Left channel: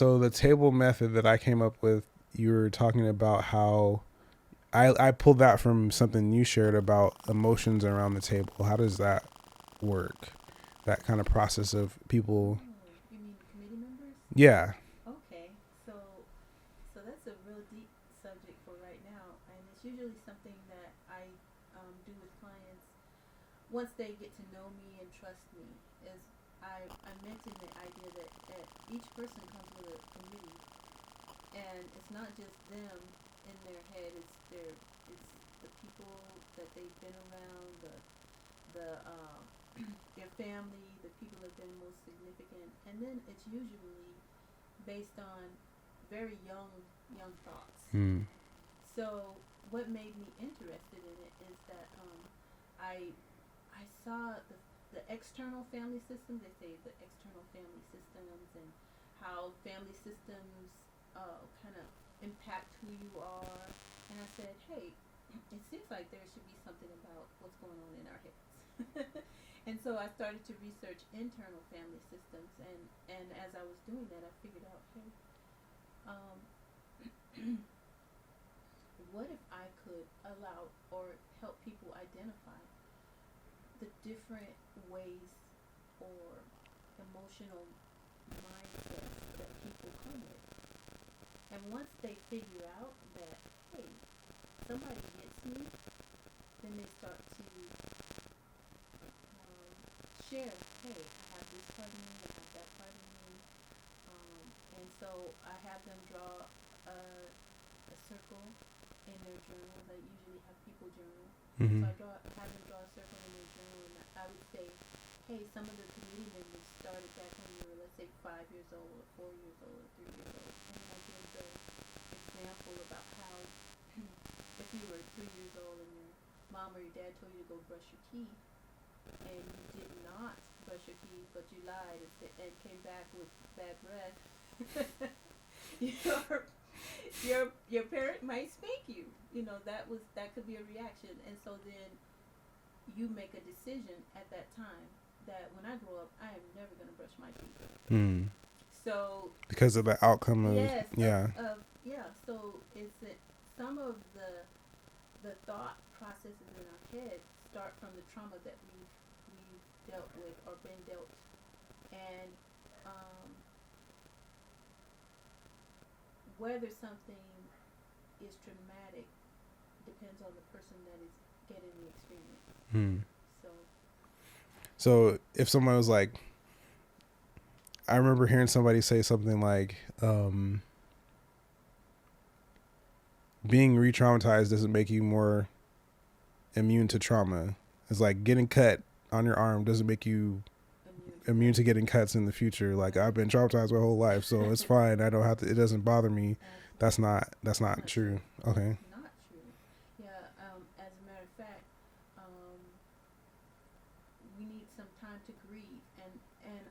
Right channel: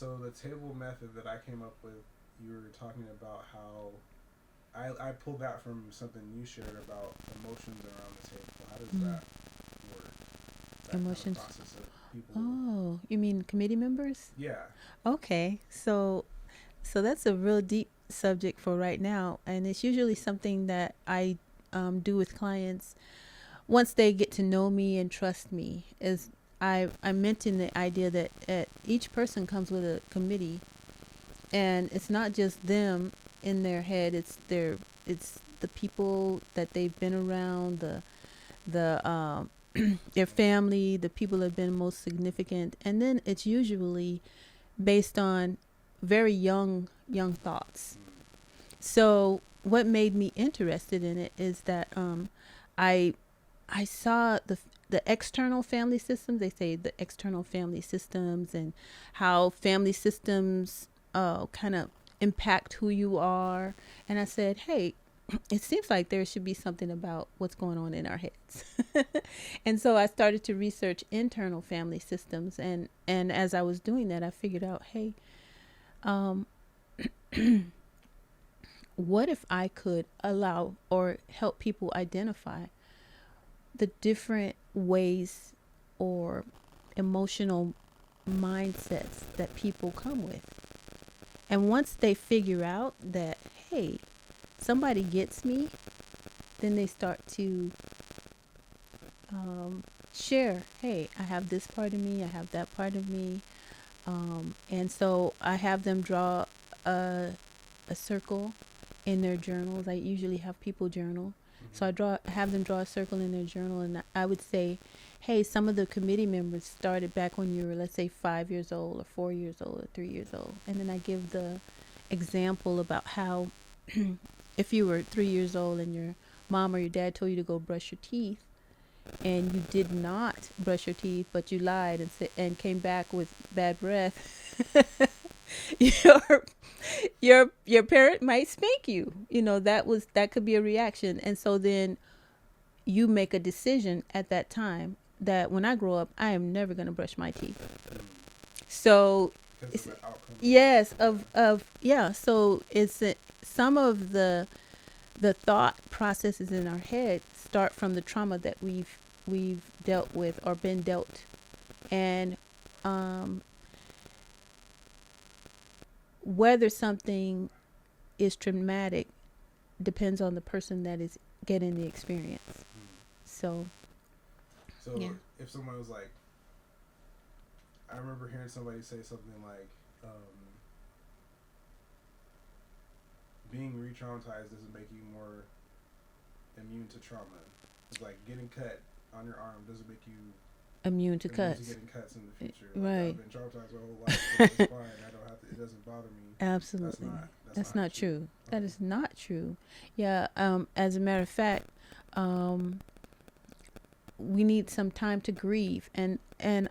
So the table method that I came up with, you were talking about how I pulled that from something you shared about emotions around the table. How does that work? That kind of process of people. Oh, you mean committee members? Yeah. Okay, so that's a real deep subject for right now, and it's usually something that I do with clients once they get to know me and trust me. Is I mentioned the idea that each person comes with a committee, and it's not just them in their head. It's the people that they've been around, the their family, the people that have been most significant, and then it's usually based on very young thoughts. Mm. So what made me interested in it is that I I saw the external family systems. They say the external family systems and how family systems kind of impact who you are. And I said, hey, it seems like there should be something about what's going on in our heads. And so I started to research internal family systems, and as I was doing that, I figured out, hey, um, what if I could allow or help people identify the different ways or emotional mindsets that people come with? And once they figure out that, hey, somebody gets me, then they start to share, hey, I have this part of me, I have that part of me. And so I have them draw a circle in their journals. I usually have people journal. Mm-hmm. So have them draw a circle in their journal, and I would say, hey, some of the committee members started back when you were, let's say, 5 years old or 4 years old or 3 years old. And then I give the example about how if you were 3 years old and your mom or your dad told you to go brush your teeth, and you did not brush your teeth, but you lied and came back with bad breath, your parent might spank you. That could be a reaction. And so then you make a decision at that time that when I grow up, I am never going to brush my teeth. Mm. So Because of the outcome. Yes, Yeah. So some of the thought processes in our head start from the trauma that we've dealt with or been dealt, and whether something is traumatic depends on the person that is getting the experience. Mm. So yeah. If someone was like, I remember hearing somebody say something like, being re-traumatized doesn't make you more immune to trauma. It's like getting cut on your arm doesn't make you immune to getting cuts in the future. Like, right. I've been traumatized my whole life, so it's fine. I don't have to. It doesn't bother me. Absolutely. That's not true. Okay. That is not true. Yeah. As a matter of fact, we need some time to grieve, and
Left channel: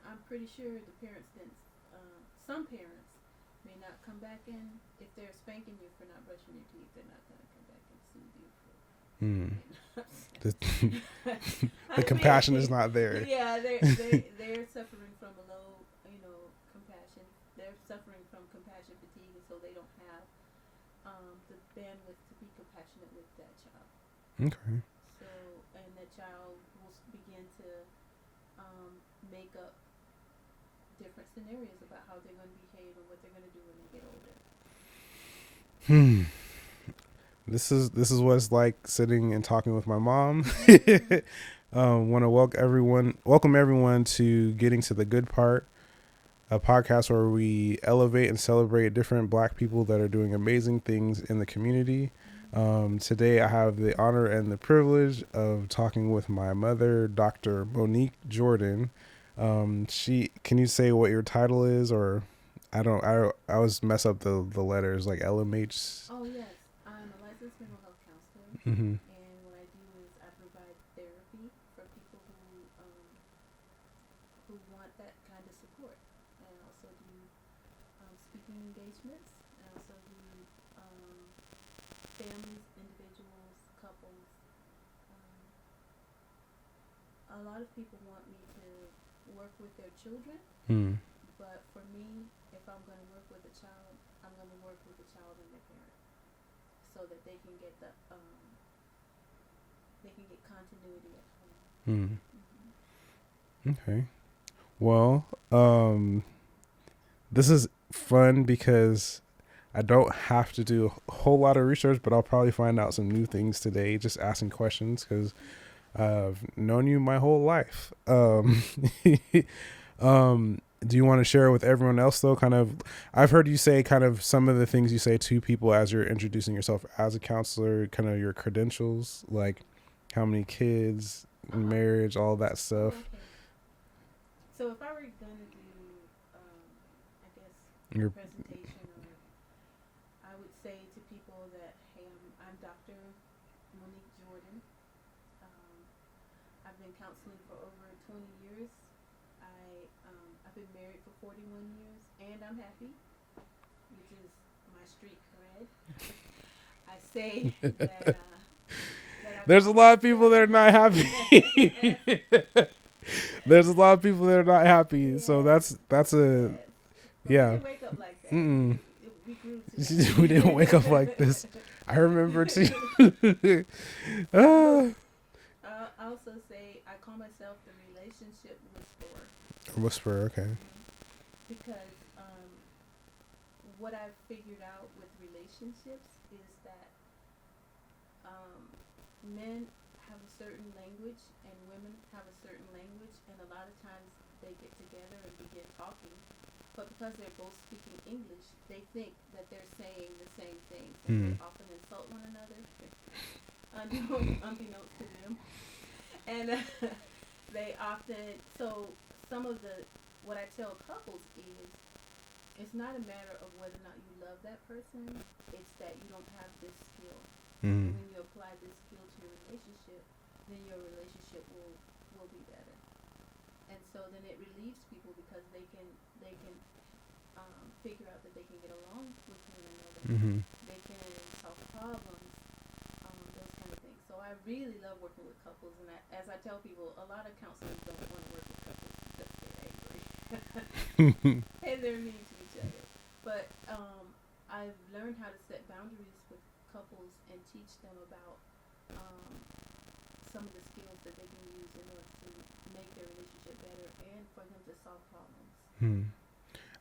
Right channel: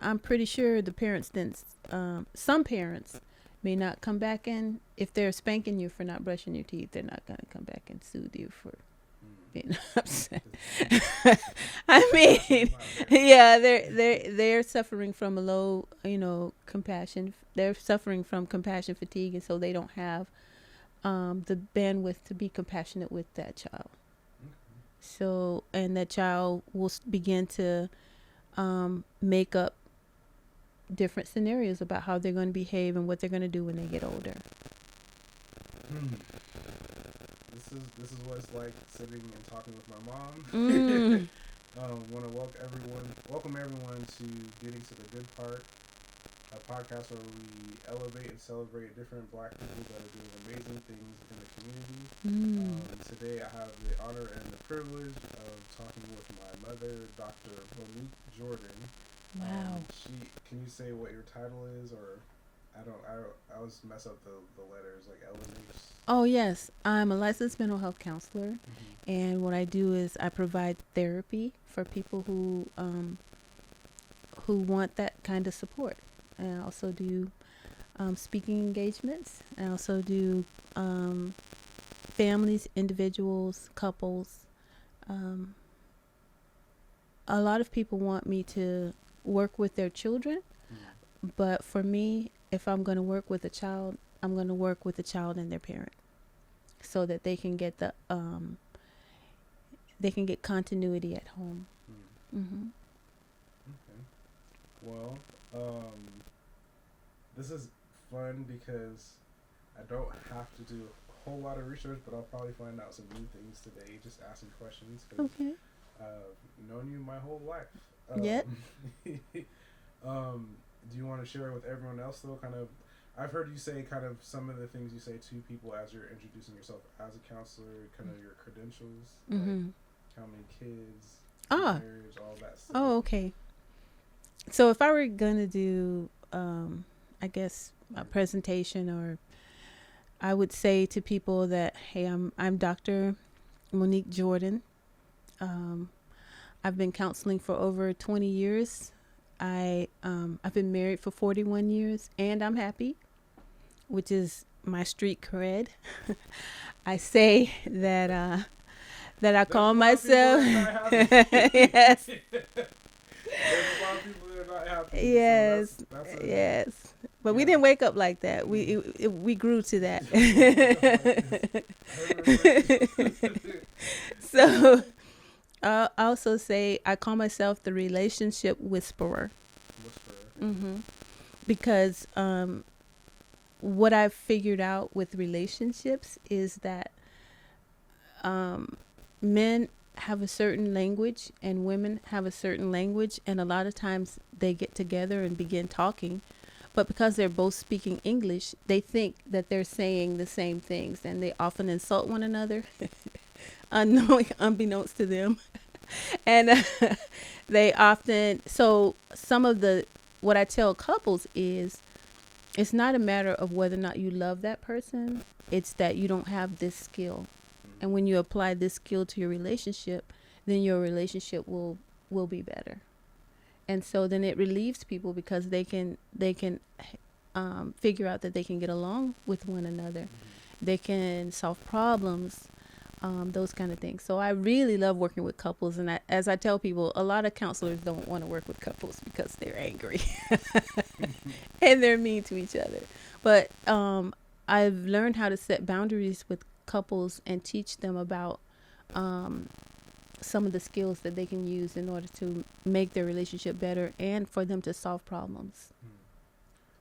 I'm pretty sure the parents didn't. Some parents may not come back in if they're spanking you for not brushing your teeth. They're not going to come back and soothe you for being upset. I compassion is not there. Yeah, they're suffering from a low, compassion. They're suffering from compassion fatigue, and so they don't have the bandwidth to be compassionate with that child. Okay. So, and that child will begin to make up different scenarios about how they're going to behave and what they're going to do when they get older. This is what it's like sitting and talking with my mom. Want to welcome everyone to Getting to the Good Part, a podcast where we elevate and celebrate different Black people that are doing amazing things in the community. Today I have the honor and the privilege of talking with my mother, Dr. Monique Jordan. Can you say what your title is? Or I always mess up the letters, like LMHC. Oh yes, I'm a licensed mental health counselor, and what I do is I provide therapy for people who want that kind of support. And I also do speaking engagements. I also do families, individuals, couples. A lot of people want me to work with their children, but for me, if I'm going to work with a child, I'm going to work with the child and their parent, so that they can get continuity at home. Okay. Well, this is fun because I don't have to do a whole lot of research, but I'll probably find out some new things today just asking questions, because I've known you my whole life. Do you want to share with everyone else, though? Kind of, I've heard you say kind of some of the things you say to people as you're introducing yourself as a counselor, kind of your credentials, like how many kids, marriage, all that stuff. Oh, okay. So if I were going to do, I guess, a presentation, or I would say to people that, hey, I'm Dr. Monique Jordan. I've been counseling for over 20 years. I've been married for 41 years, and I'm happy, which is my street cred. I say that I There's call a lot myself. of people that are not happy. Yes. There's a lot of people that are not happy. Yes. So that's a yes. But we didn't wake up like that. We grew to that. We didn't wake up like this. I remember too. So I also say I call myself the relationship whisperer. Whisperer, okay. Because what I've figured out with relationships is that men have a certain language and women have a certain language, and a lot of times they get together and begin talking, but because they're both speaking English, they think that they're saying the same things, and they often insult one another unbeknownst to them. And they often, so some of what I tell couples is, it's not a matter of whether or not you love that person, it's that you don't have this skill. And when you apply this skill to your relationship, then your relationship will be better. And so then it relieves people, because they can figure out that they can get along with one another. They can solve problems, those kind of things. So I really love working with couples. And as I tell people, a lot of counselors don't want to work with couples because they're angry and they're mean to each other. But I've learned how to set boundaries with couples and teach them about some of the skills that they can use in order to make their relationship better and for them to solve problems.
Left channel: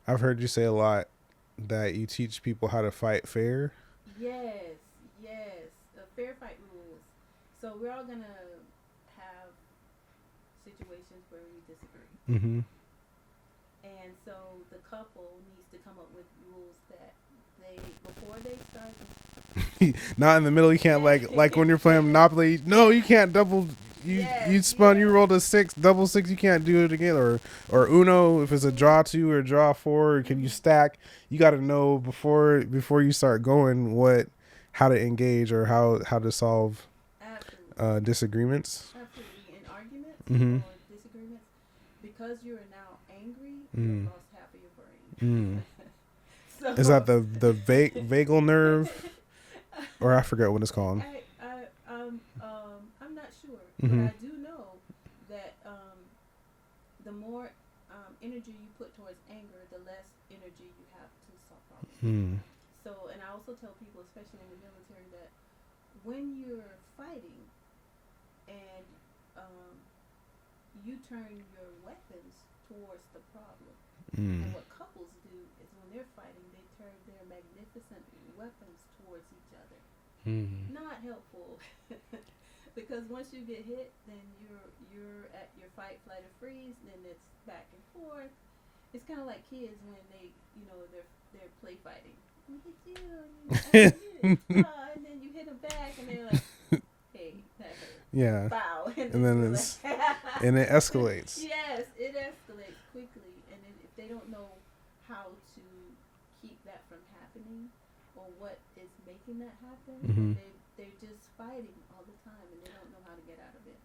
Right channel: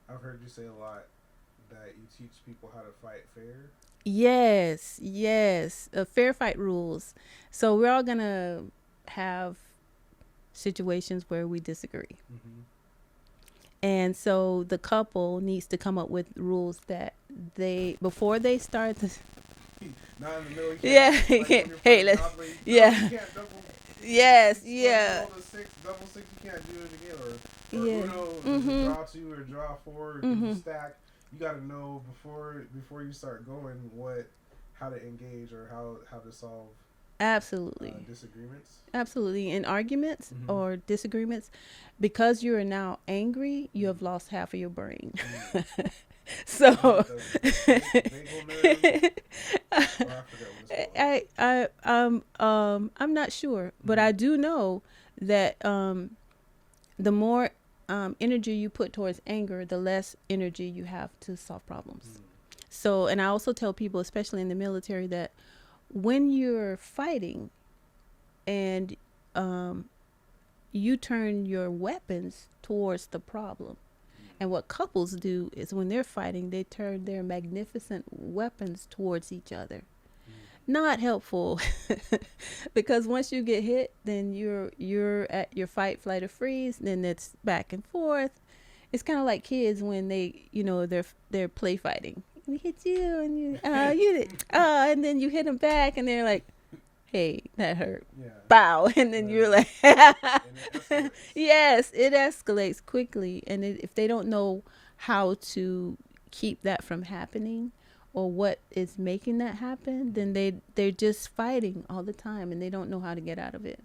I've heard you say a lot that you teach people how to fight fair. Yes. Fair fight rules. So we're all going to have situations where we disagree. And so the couple needs to come up with rules that before they start not in the middle. You can't like when you're playing Monopoly. No, you can't double. You spun. You rolled a 6, double 6. You can't do it again. Or Uno. If it's a draw 2 or draw 4, can you stack? You got to know before you start going how to engage or how to solve disagreements. Absolutely, in arguments or disagreements, because you are now angry, you have lost half of your brain. So is that the vagal nerve, or I forget what it's called? I'm not sure, but I do know that the more energy you put towards anger, the less energy you have to solve problems. So, and I also tell people, especially in the military, that when you're fighting and you turn your weapons towards the problem. And what couples do is when they're fighting, they turn their magnificent weapons towards each other. Not helpful, because once you get hit, then you're at your fight, flight, or freeze. Then it's back and forth. It's kind of like kids when they're play fighting. We hit you, and you did, and then you hit them back, and they're like, hey, that hurt. Yeah. Bow. And then you're like. And it escalates. Yes, it escalates quickly. And if they don't know how to keep that from happening or what is making that happen, then they're just fighting all the time and they don't know how to get out of it.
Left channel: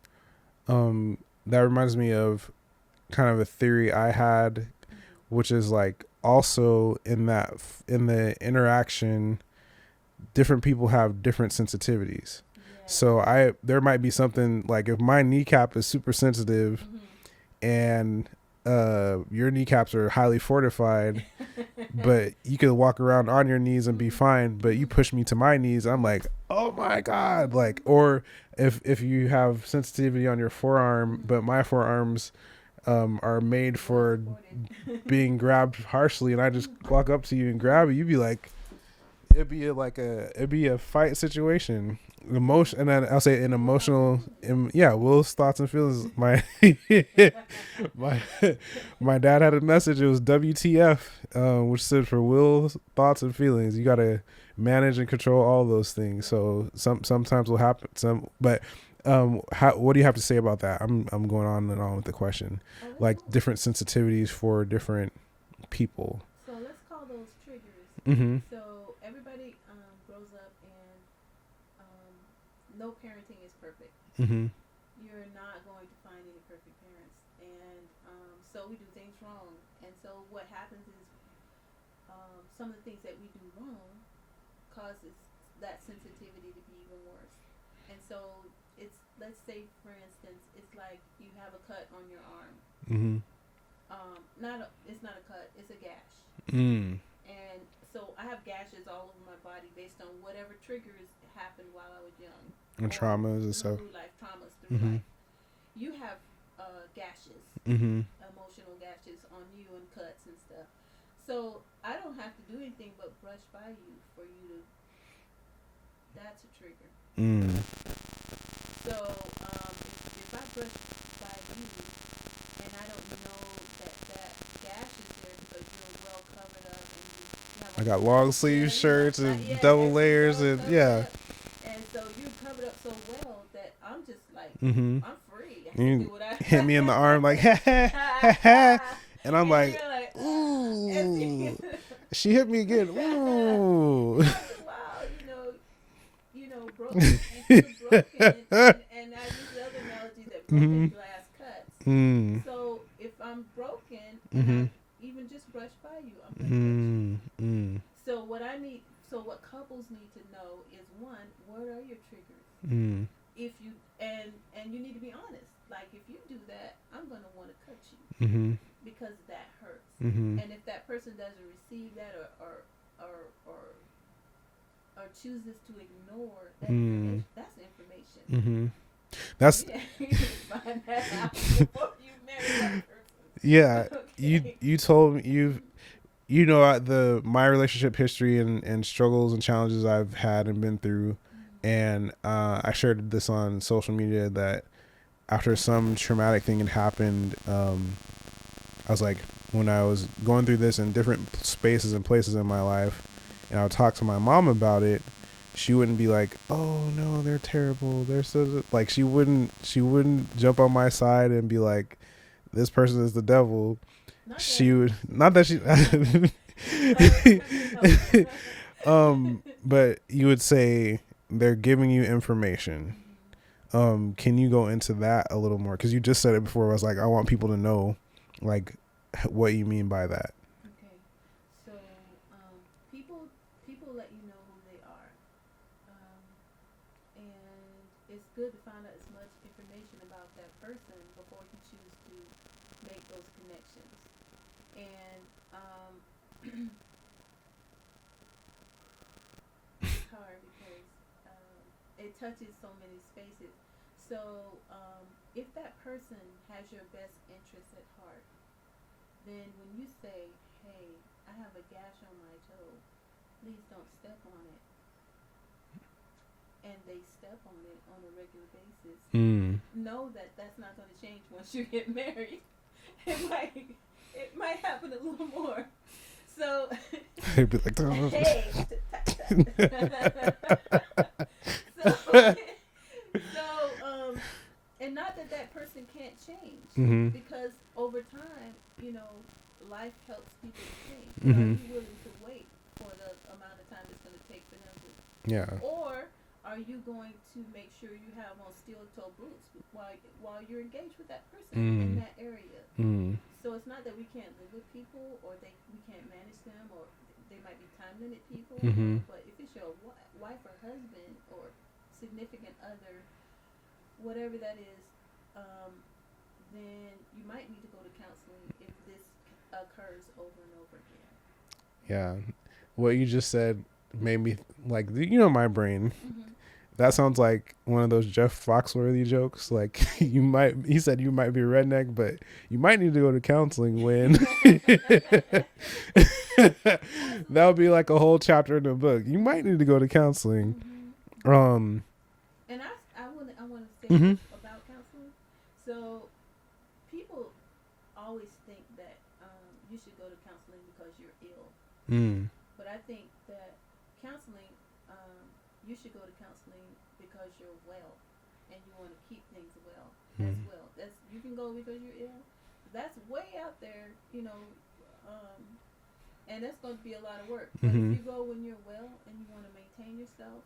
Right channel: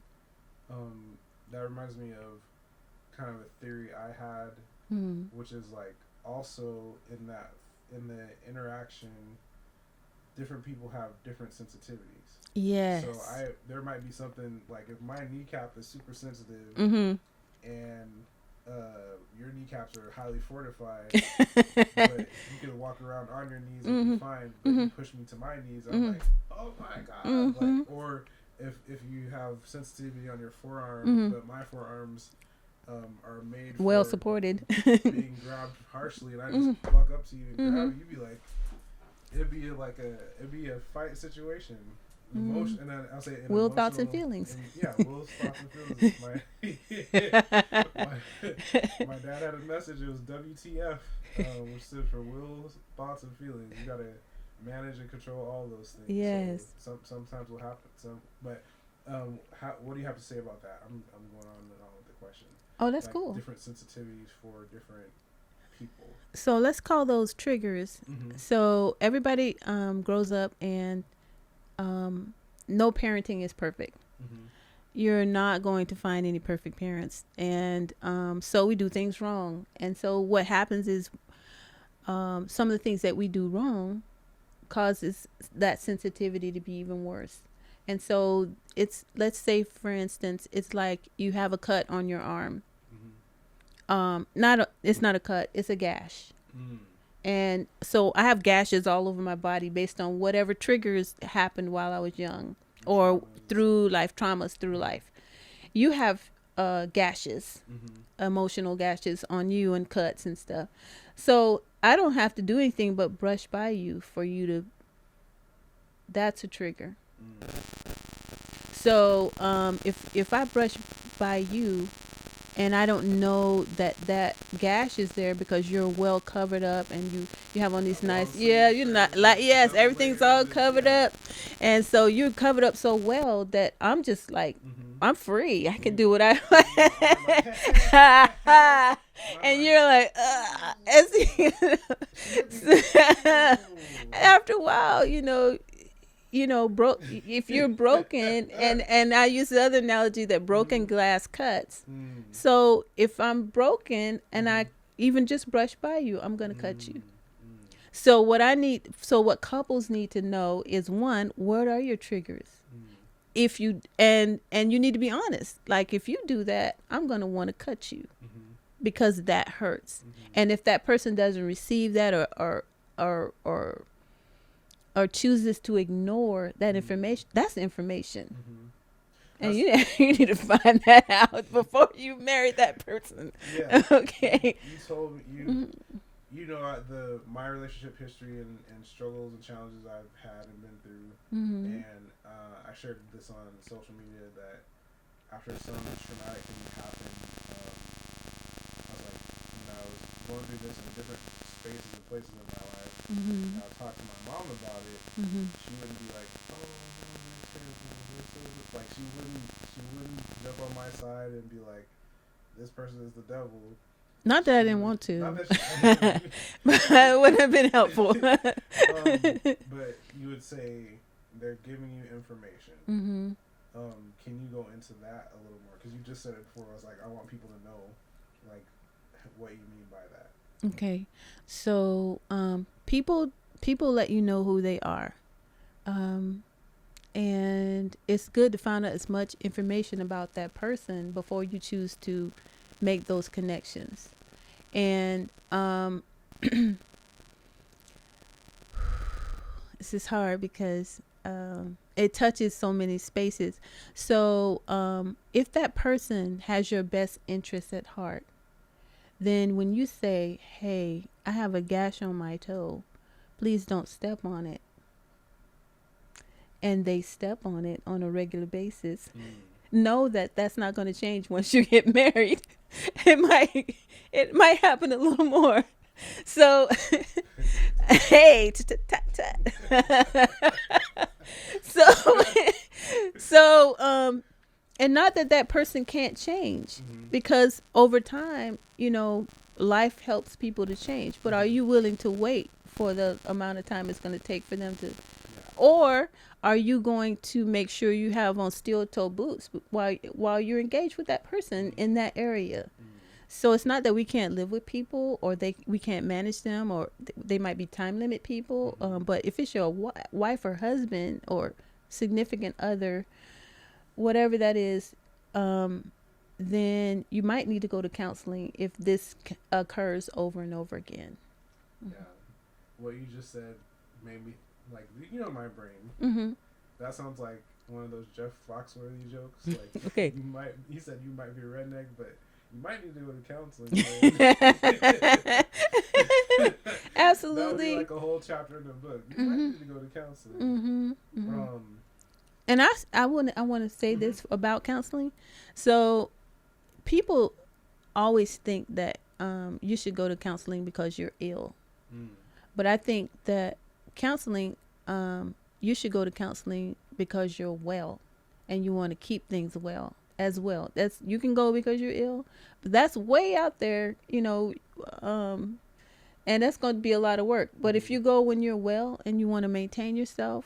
That reminds me of kind of a theory I had, which is like also in the interaction, different people have different sensitivities. Yes. So there might be something like if my kneecap is super sensitive and your kneecaps are highly fortified, but you can walk around on your knees and be fine. But you push me to my knees, I'm like, oh my God. Like, or if you have sensitivity on your forearm, but my forearms are made well for supported, being grabbed harshly, and I just walk up to you and grab you, you'd be like, it'd be a fight situation. Emotion, and then I'll say an Will's thoughts and emotional, feelings. Will's thoughts and feelings. My dad had a message. It was WTF, which stood for Will's thoughts and feelings. You gotta manage and control all those things. So sometimes will happen. But what do you have to say about that? I'm going on and on with the question. Oh, that's like cool. Different sensitivities for different people. So let's call those triggers. So everybody grows up, and no parenting is perfect. You're not going to find any perfect parents, and so we do things wrong. And so what happens is some of the things that we do wrong causes that sensitivity to be even worse. And so it's, let's say for instance, it's like you have a cut on your arm. It's not a cut, it's a gash. And so I have gashes all over my body based on whatever triggers happened while I was young, or through life, traumas through life. You have gashes, emotional gashes on you, and cuts and stuff. So I don't have to do anything but brush by you for you to, that's a trigger. So if I brush by you and I don't know that gash is there because you're well covered up, and you have on these nice, shirts, everything's all covered up, and so you're covered up so well that I'm just like, I'm free. I can do what I hit me in the arm like, and I'm like, you're like, she hit me good. After a while, if you're broken, and I use the other analogy that broken glass cuts. So if I'm broken and I even just brush by you, I'm going to cut you. So what couples need to know is, one, what are your triggers? If you, and you need to be honest. Like, if you do that, I'm going to want to cut you because that hurts. And if that person doesn't receive that or chooses to ignore that information, that's information. That's you need to find that out before you marry that person. Okay. You told me my relationship history and struggles and challenges I've had and been through, and I shared this on social media that after some traumatic thing had happened, I was like, when I was going through this in different spaces and places in my life, and I would talk to my mom about it, she wouldn't be like, oh no, they're terrible, they're so, like, she wouldn't jump on my side and be like, this person is the devil. Not that I didn't want to. Not that she it would have been helpful. But you would say they're giving you information. Can you go into that a little more? Because you just said it before. I was like, I want people to know, like, what you mean by that. Okay. So people let you know who they are, and it's good to find out as much information about that person before you choose to make those connections. And this is hard because it touches so many spaces. So if that person has your best interest at heart, then when you say, hey, I have a gash on my toe, please don't step on it, and they step on it on a regular basis, know that that's not going to change once you get married. It might happen a little more. So, hey, so, and not that person can't change, because over time, life helps people to change. But are you willing to wait for the amount of time it's going to take for them to? Yeah. Or are you going to make sure you have on steel-toe boots while you're engaged with that person in that area? So it's not that we can't live with people, or we can't manage them, or they might be time limit people. But if it's your wife or husband or significant other, whatever that is, then you might need to go to counseling if this occurs over and over again. Yeah. What you just said made me like, my brain. Mm-hmm. That sounds like one of those Jeff Foxworthy jokes. Like Okay. he said you might be a redneck, but you might need to go to counseling when. Absolutely. That would be like a whole chapter in the book. You might need to go to counseling. Mm-hmm. Mm-hmm. And I want to say this about counseling. So people always think that you should go to counseling because you're ill. But I think that counseling, you should go to counseling because you're well and you want to keep things well as well. That's, you can go because you're ill, but that's way out there, and that's going to be a lot of work. But if you go when you're well and you want to maintain yourself,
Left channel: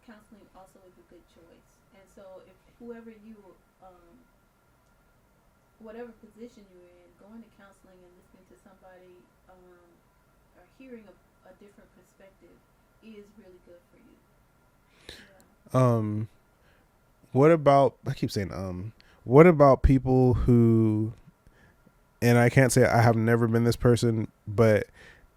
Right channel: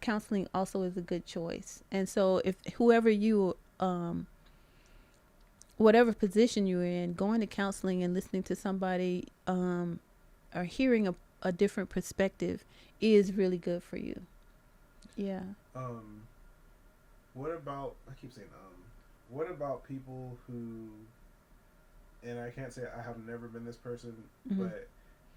counseling also is a good choice. And so if whoever you, whatever position you're in, going to counseling and listening to somebody, or hearing a different perspective is really good for you. Yeah. What about, I keep saying, what about people who, and I can't say I have never been this person, but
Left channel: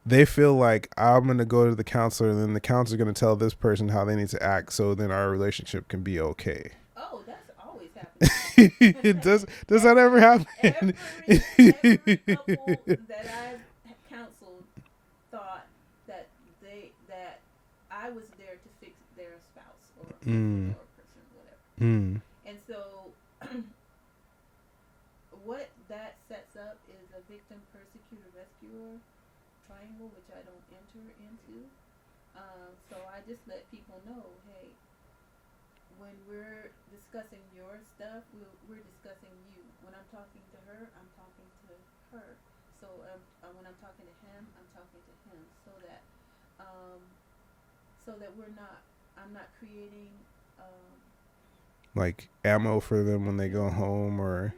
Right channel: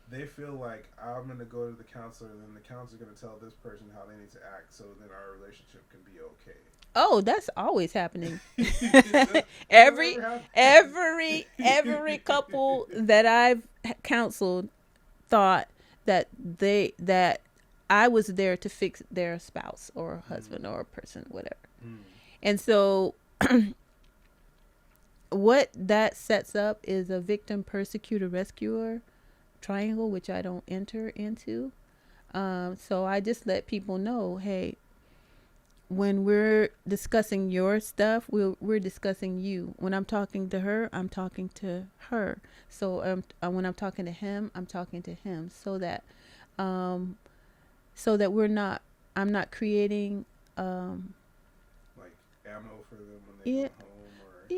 they feel like I'm going to go to the counselor and then the counselor's going to tell this person how they need to act so then our relationship can be okay. Oh, that's always happening. Does that ever happen? Every couple that I've counseled thought that I was there to fix their spouse or husband or person, whatever. And so what that sets up is a victim, persecutor, rescuer triangle, which I don't enter into. So I just let people know, hey, when we're discussing your stuff, we're discussing you. When I'm talking to her, I'm talking to her. So when I'm talking to him, I'm talking to him, so that I'm not creating like ammo for them when they go home, or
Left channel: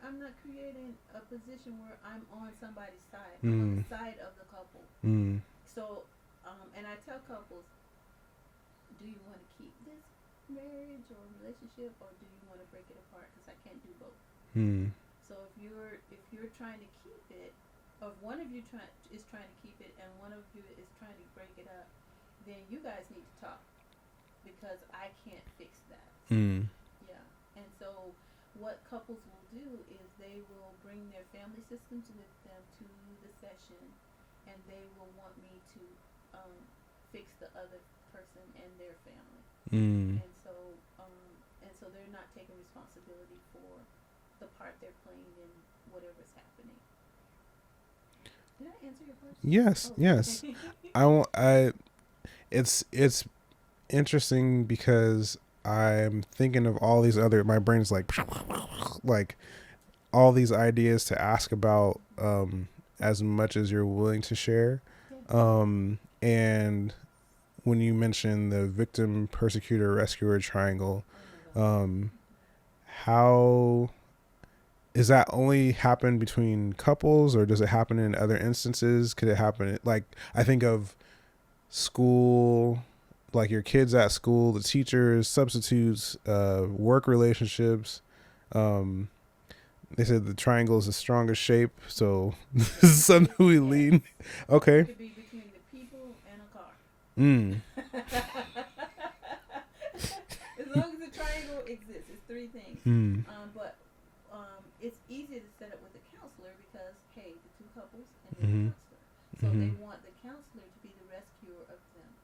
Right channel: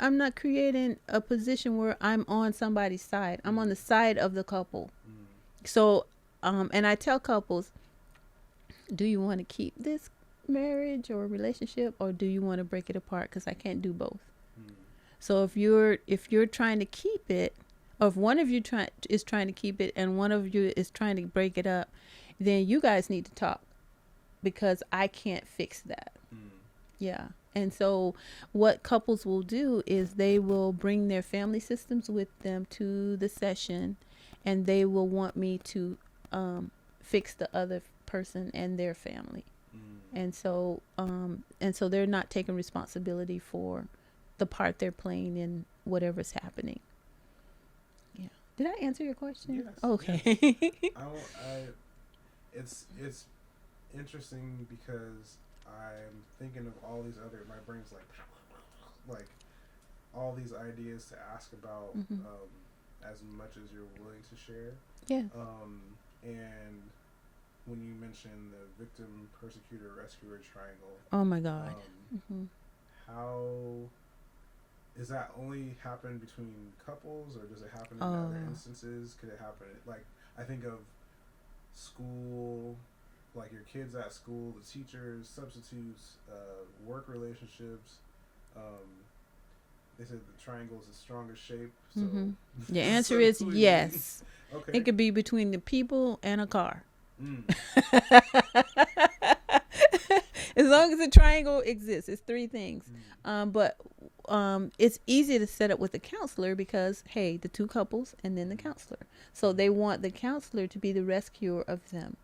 I'm not creating a position where I'm on somebody's side. I'm on the side of the couple. So and I tell couples, do you want to keep this marriage or relationship, or do you want to break it apart? Because I can't do both. So if you're trying to keep it, or if one of you is trying to keep it and one of you is trying to break it up, then you guys need to talk, because I can't fix that. Yeah. And so what couples will do is they will bring their family systems with them to the session, and they will want me to fix the other person and their family. And so they're not taking responsibility for the part they're playing in whatever's happening. Yeah. Did I answer your question? Yes. Okay. Yes. It's interesting because I'm thinking of all these other, my brain's like all these ideas to ask about, as much as you're willing to share. Yeah. And when you mentioned the victim, persecutor, rescuer triangle, oh my God. How is that only happen between couples, or does it happen in other instances? Could it happen, like, I think of school, like your kids at school, the teachers, substitutes, work relationships. They said the triangle is the strongest shape, so the answer is yes. Lean. Okay. It could be between the people and a car. As long as the triangle exists, it's three things. But it's easy to set up with a counselor because, hey, the two couples and then the counselor. So they want the counselor to be the rescuer of them.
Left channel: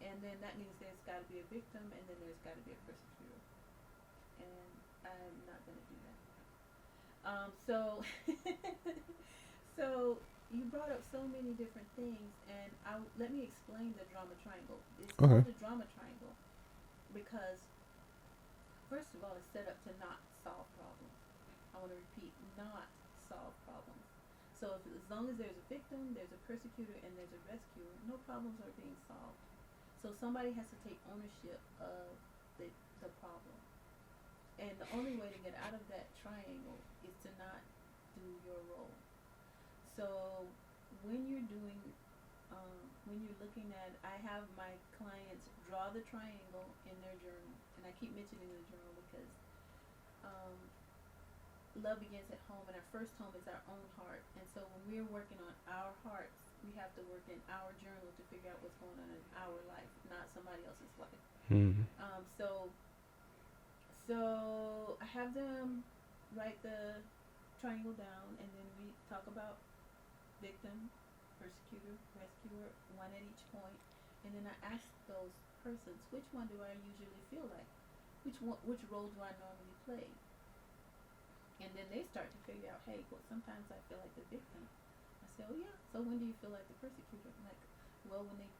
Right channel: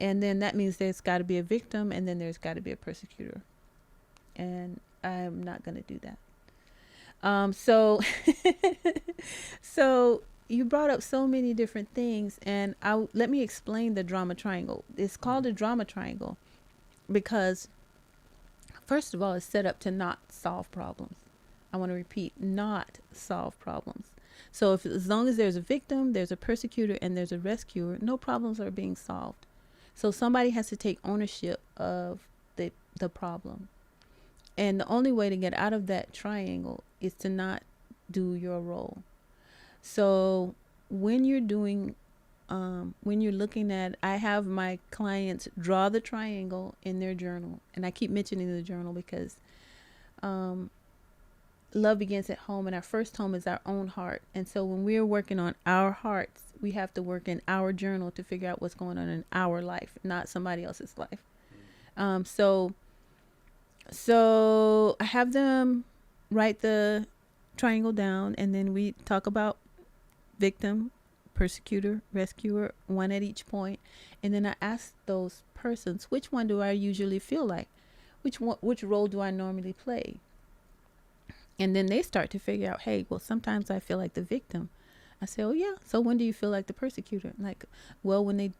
And then that means there's got to be a victim, and then there's got to be a persecutor. And I'm not going to do that. So you brought up so many different things, and let me explain the drama triangle. It's called a drama triangle because, first of all, it's set up to not solve problems. I want to repeat, not solve problems. So as long as there's a victim, there's a persecutor, and there's a rescuer, no problems are being solved. So somebody has to take ownership of the problem. And the only way to get out of that triangle is to not do your role. So when you're doing, when you're looking at, I have my clients draw the triangle in their journal. And I keep mentioning the journal because love begins at home, and our first home is our own heart. And so when we're working on our hearts, we have to work in our journal to figure out what's going on in our life, not somebody else's life. So I have them write the triangle down, and then we talk about victim, persecutor, rescuer, one at each point. And then I ask those persons, which one do I usually feel like? Which role do I normally play? And then they start to figure out, hey, well, sometimes I feel like the victim. I say, oh yeah, so when do you feel like the persecutor? Like, well, when they,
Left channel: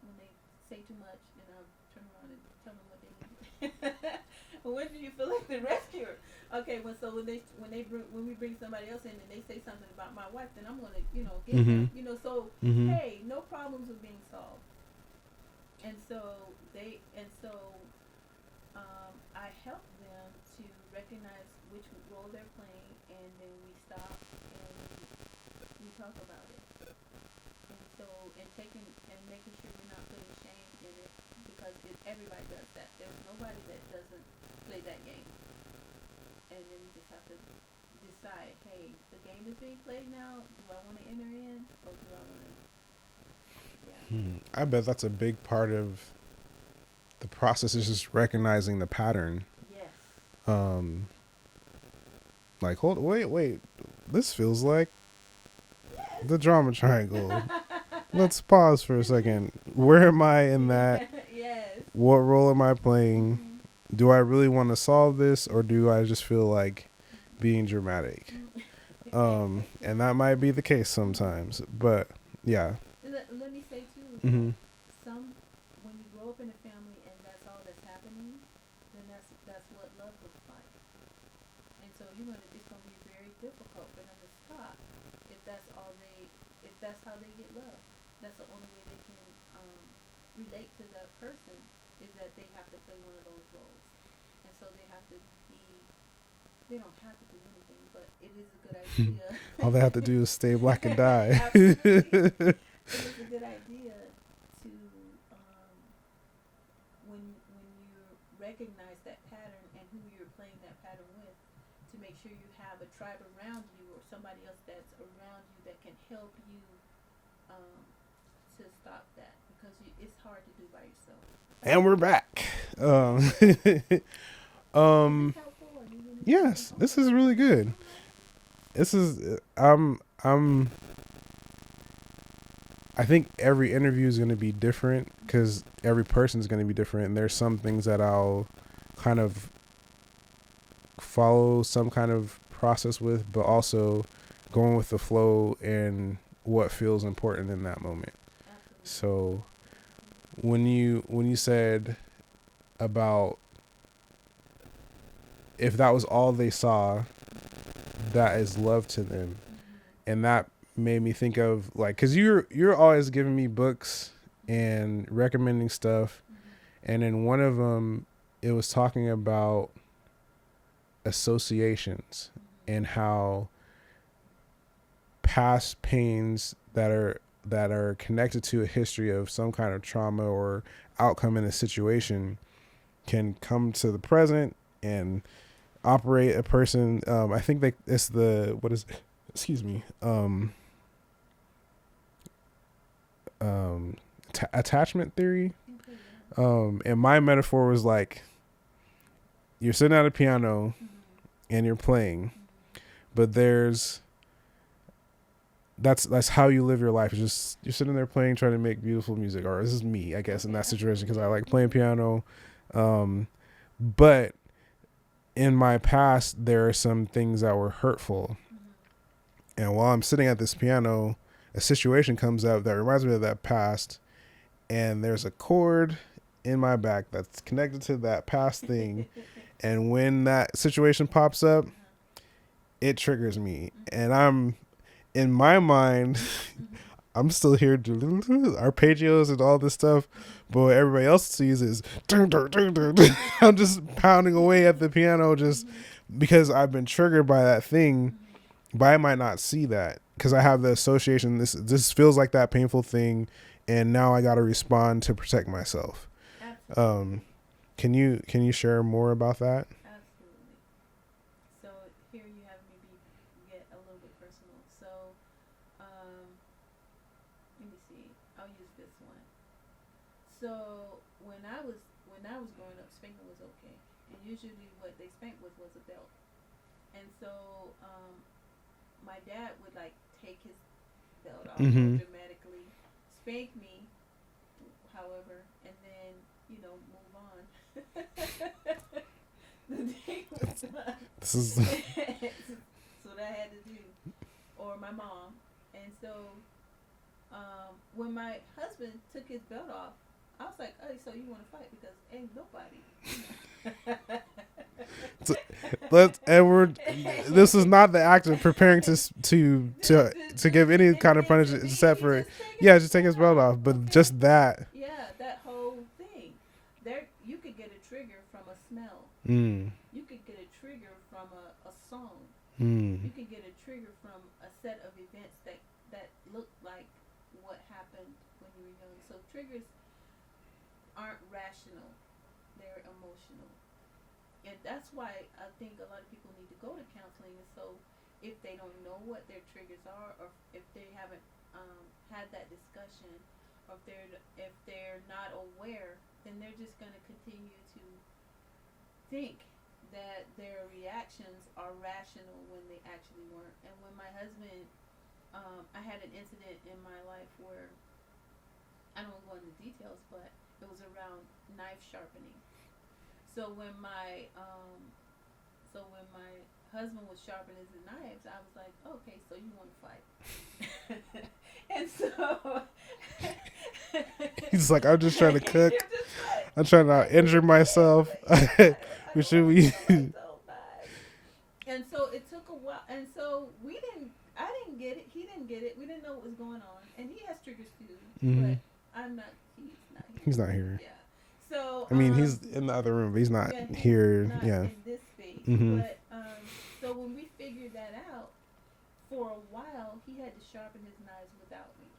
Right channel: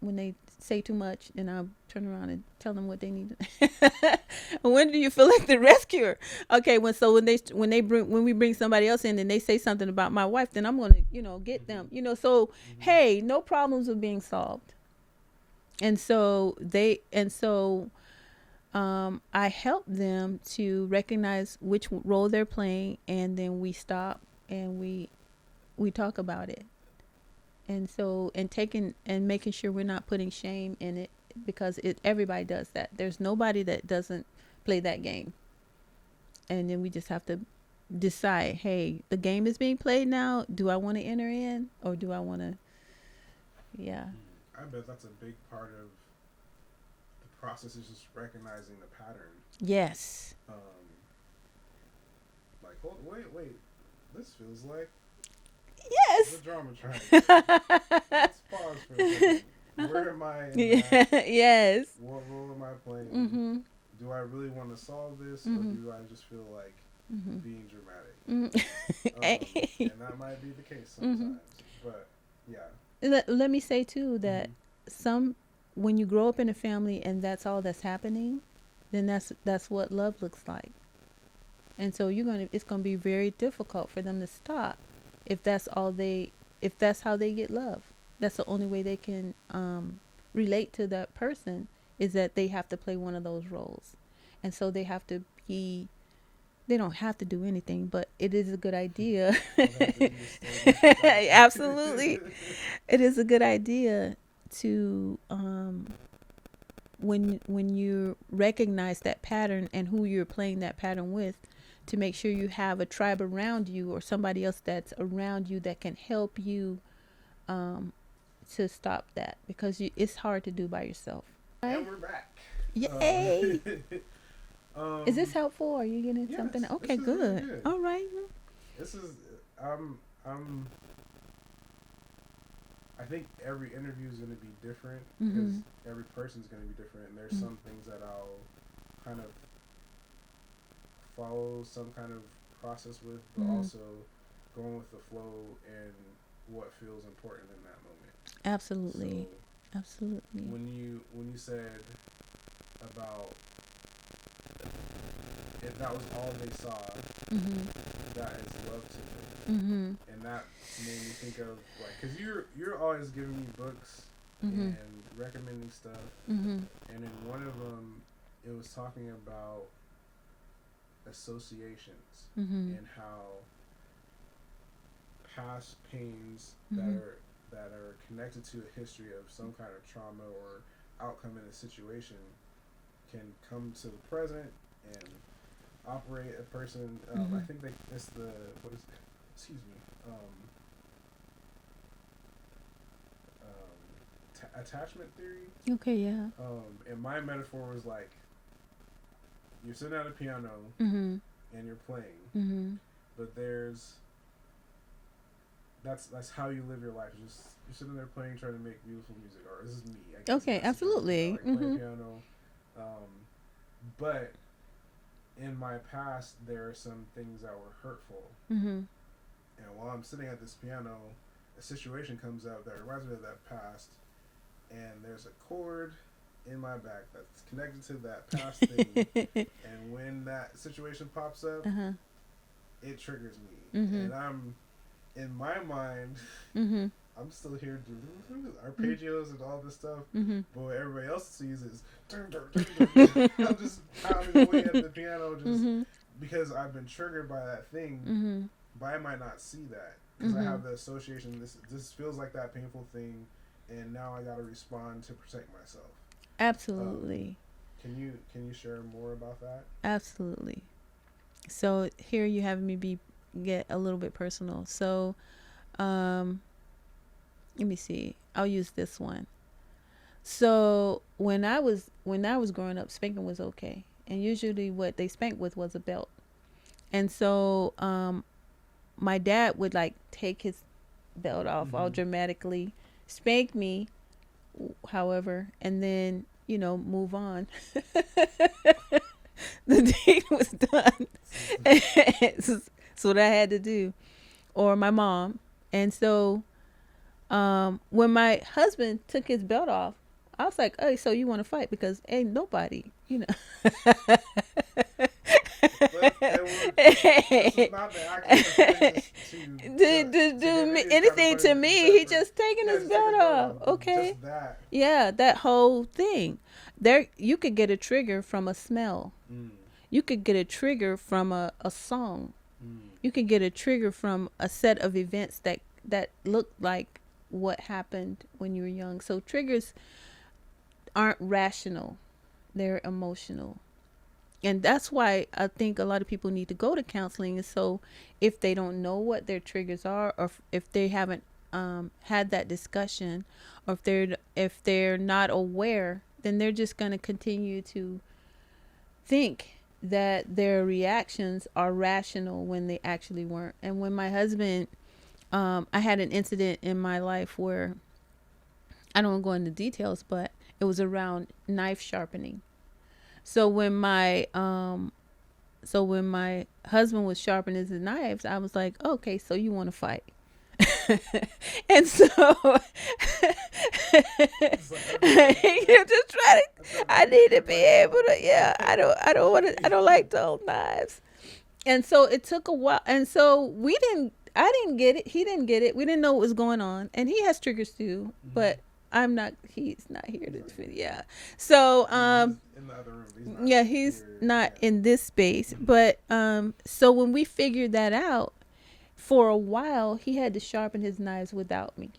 when they say too much, and I'll turn around and tell them what they need. When do you feel like the rescuer? Okay, when we bring somebody else in and they say something about my wife, then I'm gonna, get them. So hey, no problems are being solved. And so I help them to recognize which role they're playing, and then we stop and we talk about it. And so, and making sure we're not putting shame in it, because everybody does that. There's nobody that doesn't play that game. And then we just have to decide, hey, the game is being played now. Do I want to enter in, or do I want to? Yeah. I bet that's a big part of the process, is just recognizing the pattern. Yes. Like, wait. This feels like yes, the drama triangle. Let's pause for a second. Where am I in that? Yes. What role am I playing? Do I really want to solve this, or do I just feel like being dramatic? And that might be the case sometimes, but yeah. Let me say too that when you grow up in a family and that's all that's happening, then that's what love looks like. And so it's gonna be very difficult for them to stop if that's how they get love. That's the only way they can relate to that person, is that they have to play one of those roles. And so they don't have to do anything, but it is a good idea. All they have to do is stay black and die. Absolutely. It is a good idea to when you recognize that pattern and who you're playing that pattern with, to make sure you have a tribe around you, or somebody else that's around you that can help you to stop that, because it's hard to do by yourself. And we're back. Is this helpful? Are you getting yes, something? Okay, this is really good. All right. This is I think every interview is going to be different, because every person is going to be different, and there's some things that I'll kind of follow some kind of process with, but also going with the flow and what feels important in that moment. Absolutely. So absolutely, when you said about if that was all they saw, that is love to them. And that made me think of, like, because you're always giving me books and recommending stuff, and in one of them it was talking about associations and how past pains that are connected to a history of some kind of trauma or outcome in a situation can come to the present and operate a person. I think it's the, what is, excuse me, attachment theory. Okay, yeah. And my metaphor was like, you're sitting at a piano and you're playing, but that's how you live your life. It's just you're sitting there playing, trying to make beautiful music. Or this is me, I guess, in that situation, because I like playing piano. But in my past, there are some things that were hurtful. And while I'm sitting at this piano, a situation comes up that reminds me of that past, and there's a chord in my back that's connected to that past thing. And when that situation pops up, it triggers me. And I'm, in my mind, I'm still here, arpeggios and all this stuff, but what everybody else sees is I'm just pounding away at the piano, just because I've been triggered by that thing. But I might not see that, because I have the association. This feels like that painful thing, and now I got to respond to protect myself. Absolutely. Can you share more about that? Absolutely. So here you have me get a little bit personal. So let me see. I'll use this one. So when I was growing up, spanking was okay, and usually what they spanked with was a belt. And so my dad would like take his belt off all dramatically, spank me, however, and then move on. The deed was done. That's what I had to do, or my mom. And so when my husband took his belt off, I was like, "Hey, so you want to fight?" Because ain't nobody, This is not the act of preparing to give any kind of punishment. To me, he just taking his belt off. But okay? just that. Yeah, that whole thing. There, you could get a trigger from a smell. You could get a trigger from a song. You could get a trigger from a set of events that look like what happened when you were young. So triggers aren't rational, they're emotional. And that's why I think a lot of people need to go to counseling. And so if they don't know what their triggers are, or if they haven't had that discussion, or if they're not aware, then they're just going to continue to think that their reactions are rational when they actually weren't. And when my husband, I had an incident in my life where, I don't want to go into details, but it was around knife sharpening. So when my husband was sharpening his knives, I was like, okay, so you want to fight. And so he's like, I'm just trying to cook. I'm trying to injure myself. I don't like those knives. And so it took a while. And so I didn't get it. He didn't get it. We didn't know what was going on. And he has triggers too, but he's not here. He's not here. Yeah. So he's in the other room, but he's not here. He's not in this space. But so when we figured that out, for a while he had to sharpen his knives without me.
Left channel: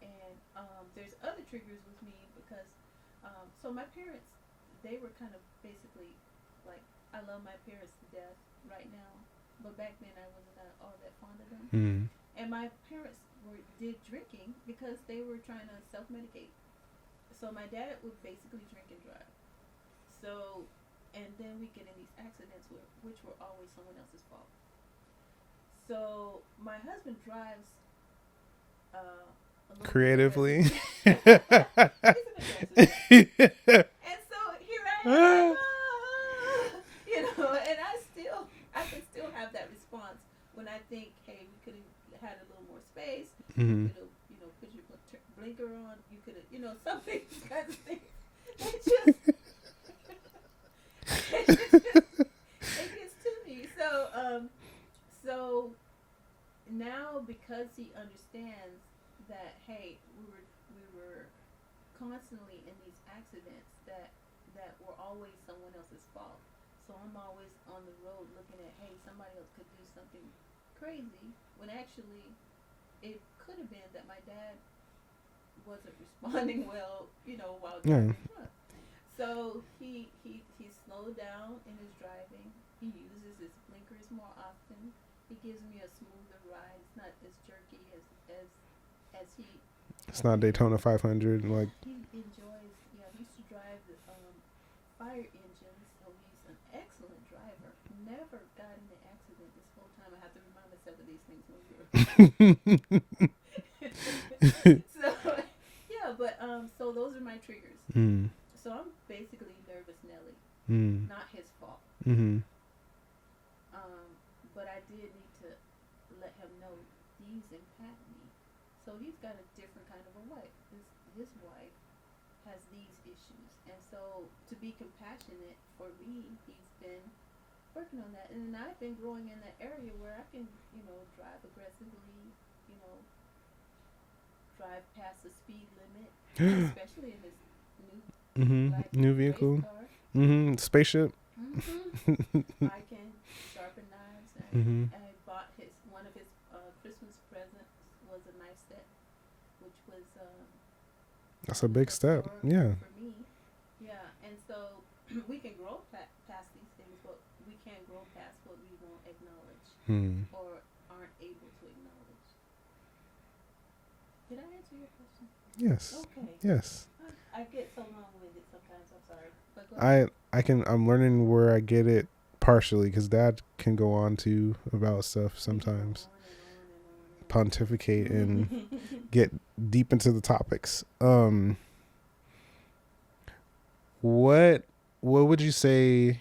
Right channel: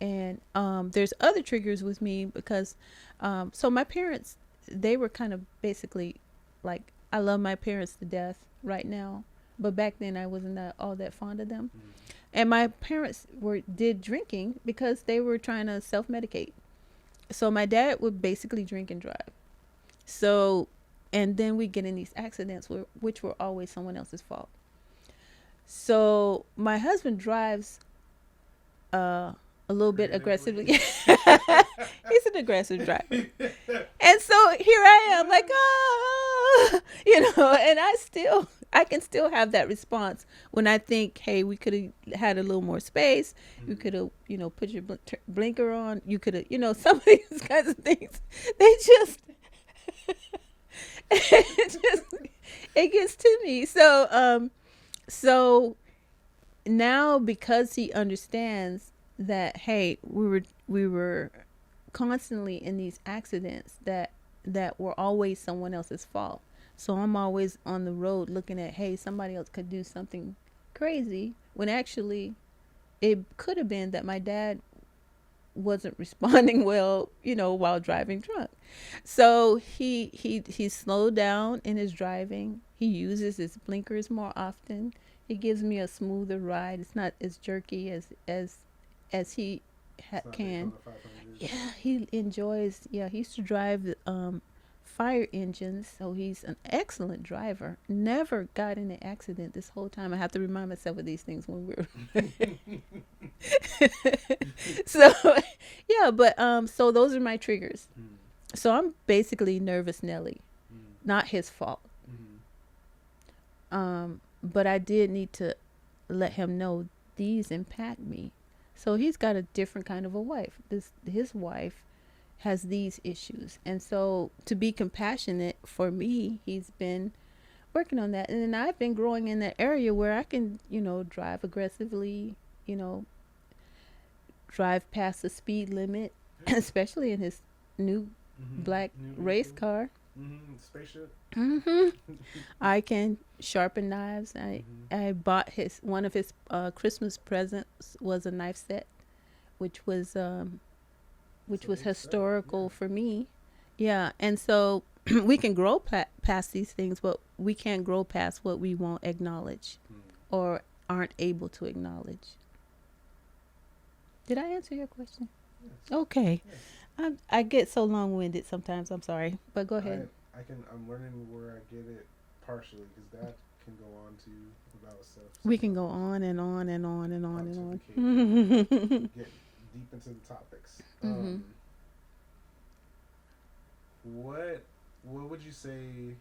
And there's other triggers with me because so my parents, they were kind of basically like, I love my parents to death right now, but back then I wasn't all that fond of them. And my parents did drinking because they were trying to self-medicate. So my dad would basically drink and drive. So, and then we get in these accidents which were always someone else's fault. So my husband drives a little bit aggressive. He's an aggressive driver. And so here I am like, and I can still have that response when I think, hey, we could have had a little more space. You could have, put your blinker on. You could have, some of these kinds of things. They just, it gets to me. So now, because he understands that, hey, we were constantly in these accidents that were always someone else's fault. So I'm always on the road looking at, hey, somebody else could do something crazy, when actually it could have been that my dad wasn't responding well, while driving drunk. So he slowed down in his driving. He uses his blinkers more often. He gives me a smoother ride. It's not as jerky as he It's not Daytona 500. Yeah, he enjoys. Yeah, he used to drive fire engines, so he's an excellent driver. Never got in an accident this whole time. I have to remind myself of these things when we're so yeah, but so those are my triggers. So I'm basically nervous Nelly. Not his fault. But I did need to let him know these impact me. So he's got a different kind of a wife. His wife has these issues. And so to be compassionate for me, he's been working on that. And then I've been growing in that area where I can, drive aggressively, drive past the speed limit, especially in his new black race car. Spaceship. I can sharpen knives. I bought one of his Christmas presents was a knife set, which was historical for me, Yeah, and so we can grow past these things, but we can't grow past what we won't acknowledge or aren't able to acknowledge. Did I answer your question? Yes. Okay. Yes. I get so long-winded sometimes. I'm sorry, but go ahead. I'm learning where I get it partially, because Dad can go on to about stuff sometimes. We can go on and on and on and on. Pontificate and get deep into the topics. What would you say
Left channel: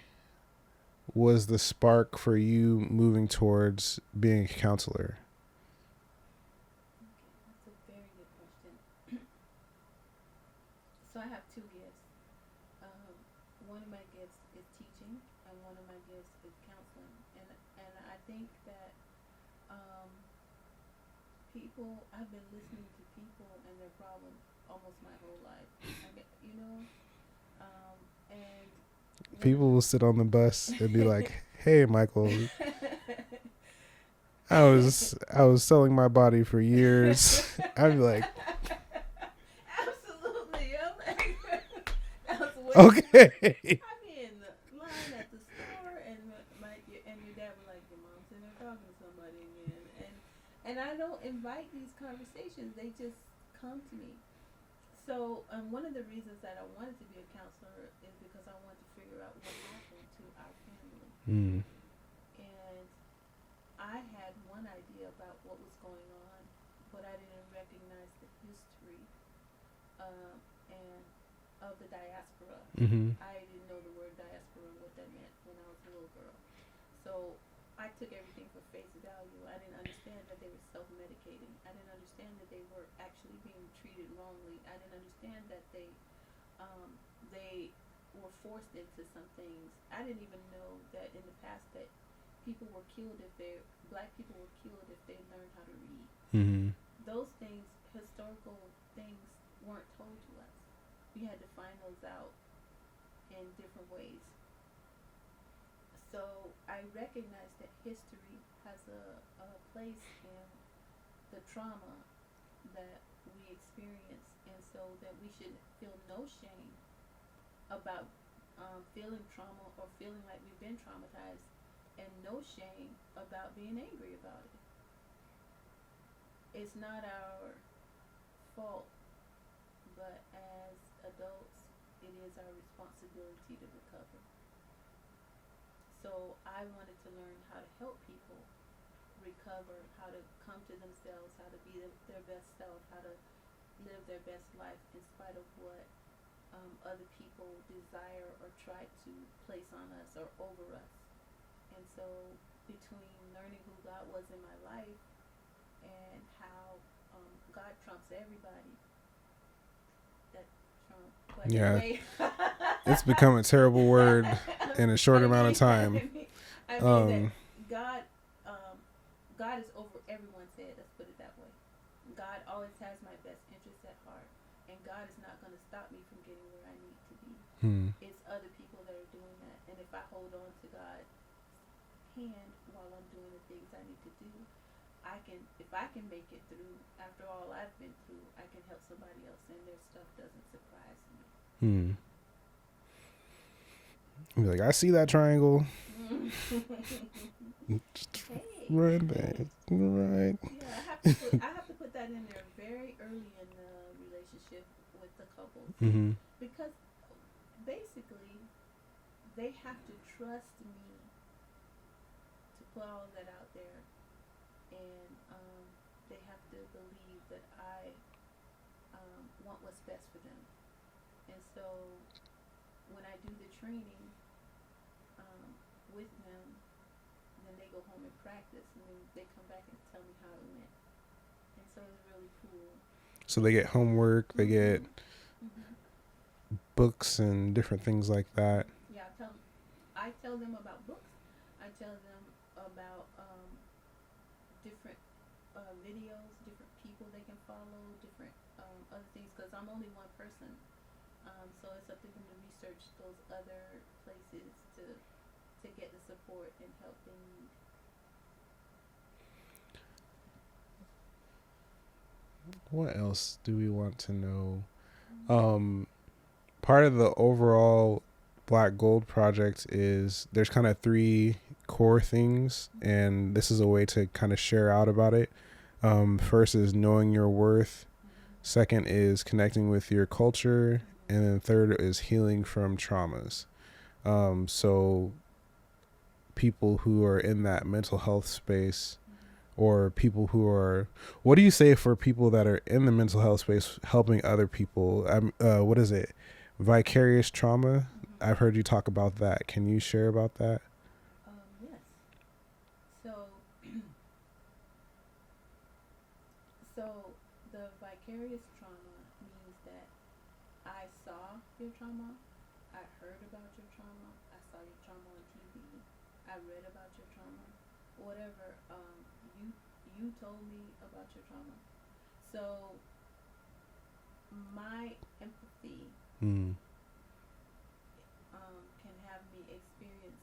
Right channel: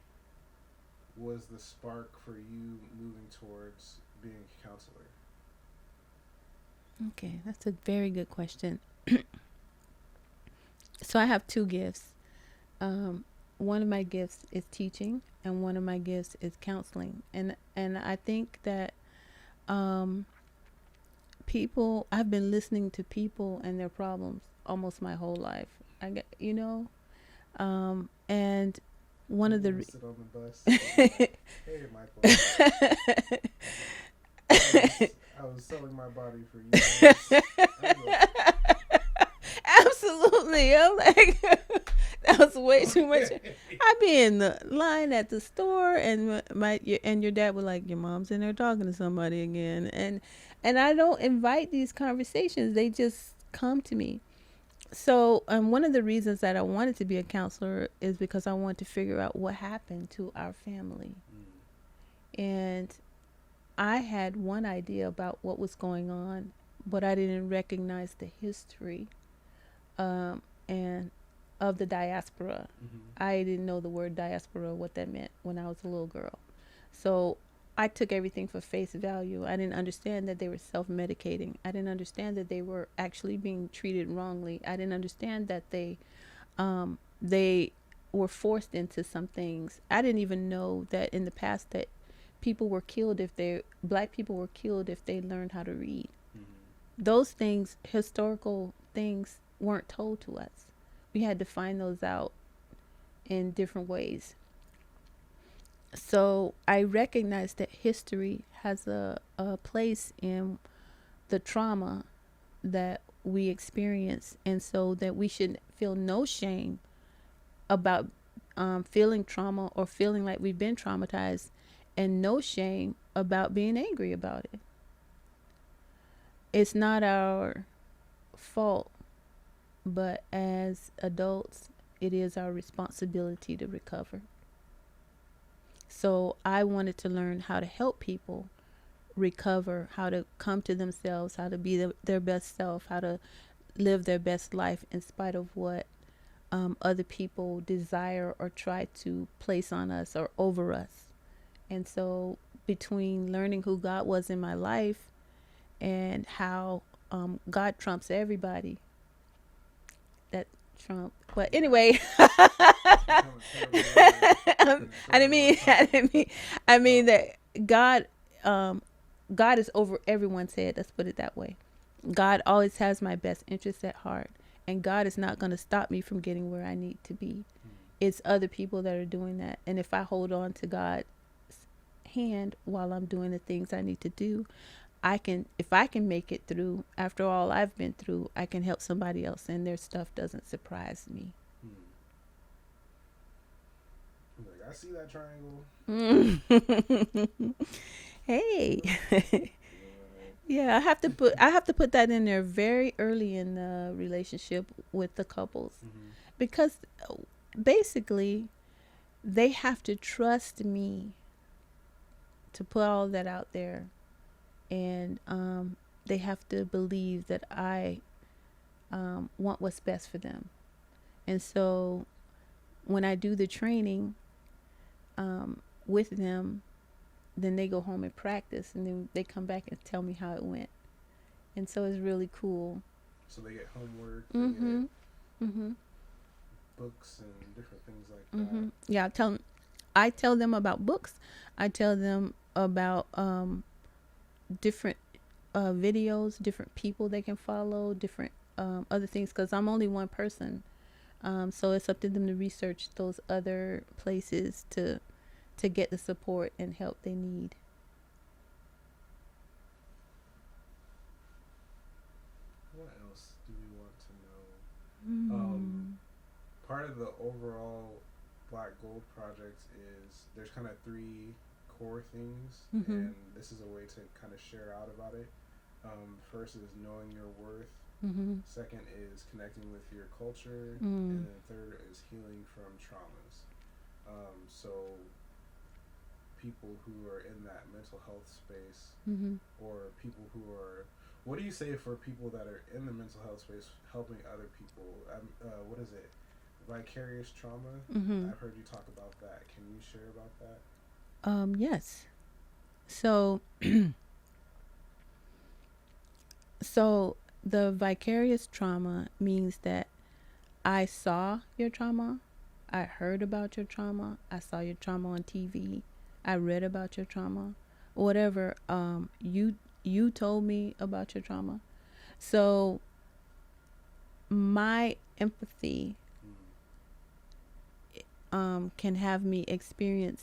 was the spark for you moving towards being a counselor? Okay, that's a very good question. So I have two gifts. One of my gifts is teaching, and one of my gifts is counseling. And I think that people, I've been listening to people and their problems almost my whole life. And one people of the will sit on the bus and be like, "Hey, Michael, I was selling my body for years." I'd be like, absolutely. I'm like, that was way too much. I'd be in the line at the store, and your dad would like, "Your mom's in there talking to somebody again," and I don't invite these conversations; they just come to me. So, one of the reasons that I wanted to be a counselor is because I wanted to figure out what happened to our family, and I had one idea about what was going on, but I didn't recognize the history, and of the diaspora. I didn't know the word diaspora, what that meant when I was a little girl. So I took everything for face value. I didn't understand that they were self-medicating. I didn't understand that they were actually being treated wrongly. I didn't understand that they were forced into some things. I didn't even know that in the past that black people were killed if they learned how to read. Those things, historical things, weren't told to us. We had to find those out in different ways. So I recognize that history has a place in the trauma that we experience, and so that we should feel no shame about feeling trauma or feeling like we've been traumatized, and no shame about being angry about it. It's not our fault, but as adults, it is our responsibility to recover. So I wanted to learn how to help people recover, how to come to themselves, how to be their best self, how to live their best life in spite of what other people desire or try to place on us or over us. And so between learning who God was in my life and how God trumps everybody, that Trump. But anyway, it's become a terrible word in a short amount of time. I mean that God is over everyone's head. Let's put it that way. God always has my best interest at heart, and God is not going to stop me from getting where I need to be. It's other people that are doing that, and if I hold on to God's hand while I'm doing the things I need to do, if I can make it through after all I've been through, I can help somebody else, and their stuff doesn't surprise me. Be like, I see that triangle. Hey. Right. Yeah, I have to put that in there very early in the relationship with the couples, because basically they have to trust me to put all that out there, and they have to believe that I want what's best for them. And so when I do the training with them, then they go home and practice, and then they come back and tell me how it went. And so it's really cool. So they get homework, they get books and different things like that. Yeah, I tell them about books. I tell them about different videos, different people they can follow, different other things, because I'm only one person. So it's up to them to research those other places to get the support and help they need. What else do we want to know? part of the overall Black Gold Project is there's kind of 3 core things, and this is a way to kind of share out about it. First is knowing your worth. Second is connecting with your culture, and then third is healing from traumas. So people who are in that mental health space, or people who are, what do you say for people that are in the mental health space helping other people? What is it? Vicarious trauma? I've heard you talk about that. Can you share about that? Yes. So so the vicarious trauma means that I saw your trauma, I heard about your trauma, I saw your trauma on TV, I read about your trauma, whatever. You told me about your trauma. So my empathy can have me experience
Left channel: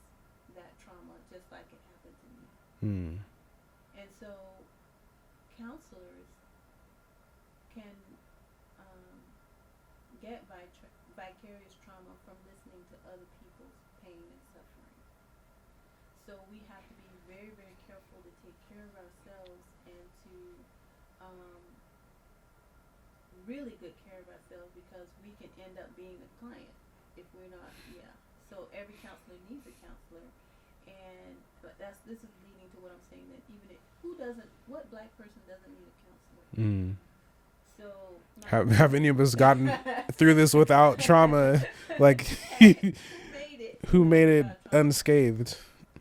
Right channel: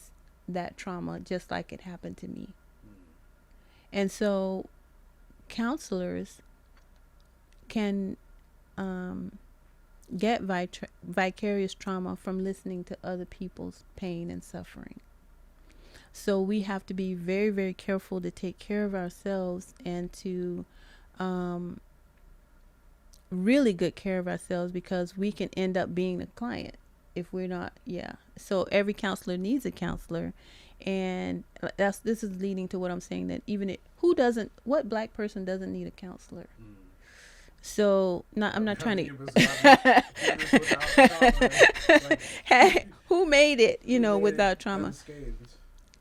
that trauma just like it happened to me. And so counselors can get vicarious trauma from listening to other people's pain and suffering. So we have to be very, very careful to take care of ourselves and to really good care of ourselves, because we can end up being the client if we're not. So every counselor needs a counselor, and this is leading to what I'm saying, that even what Black person doesn't need a counselor? So I'm not have any of us gotten through this without trauma? Like, who made it? Without trauma, unscathed.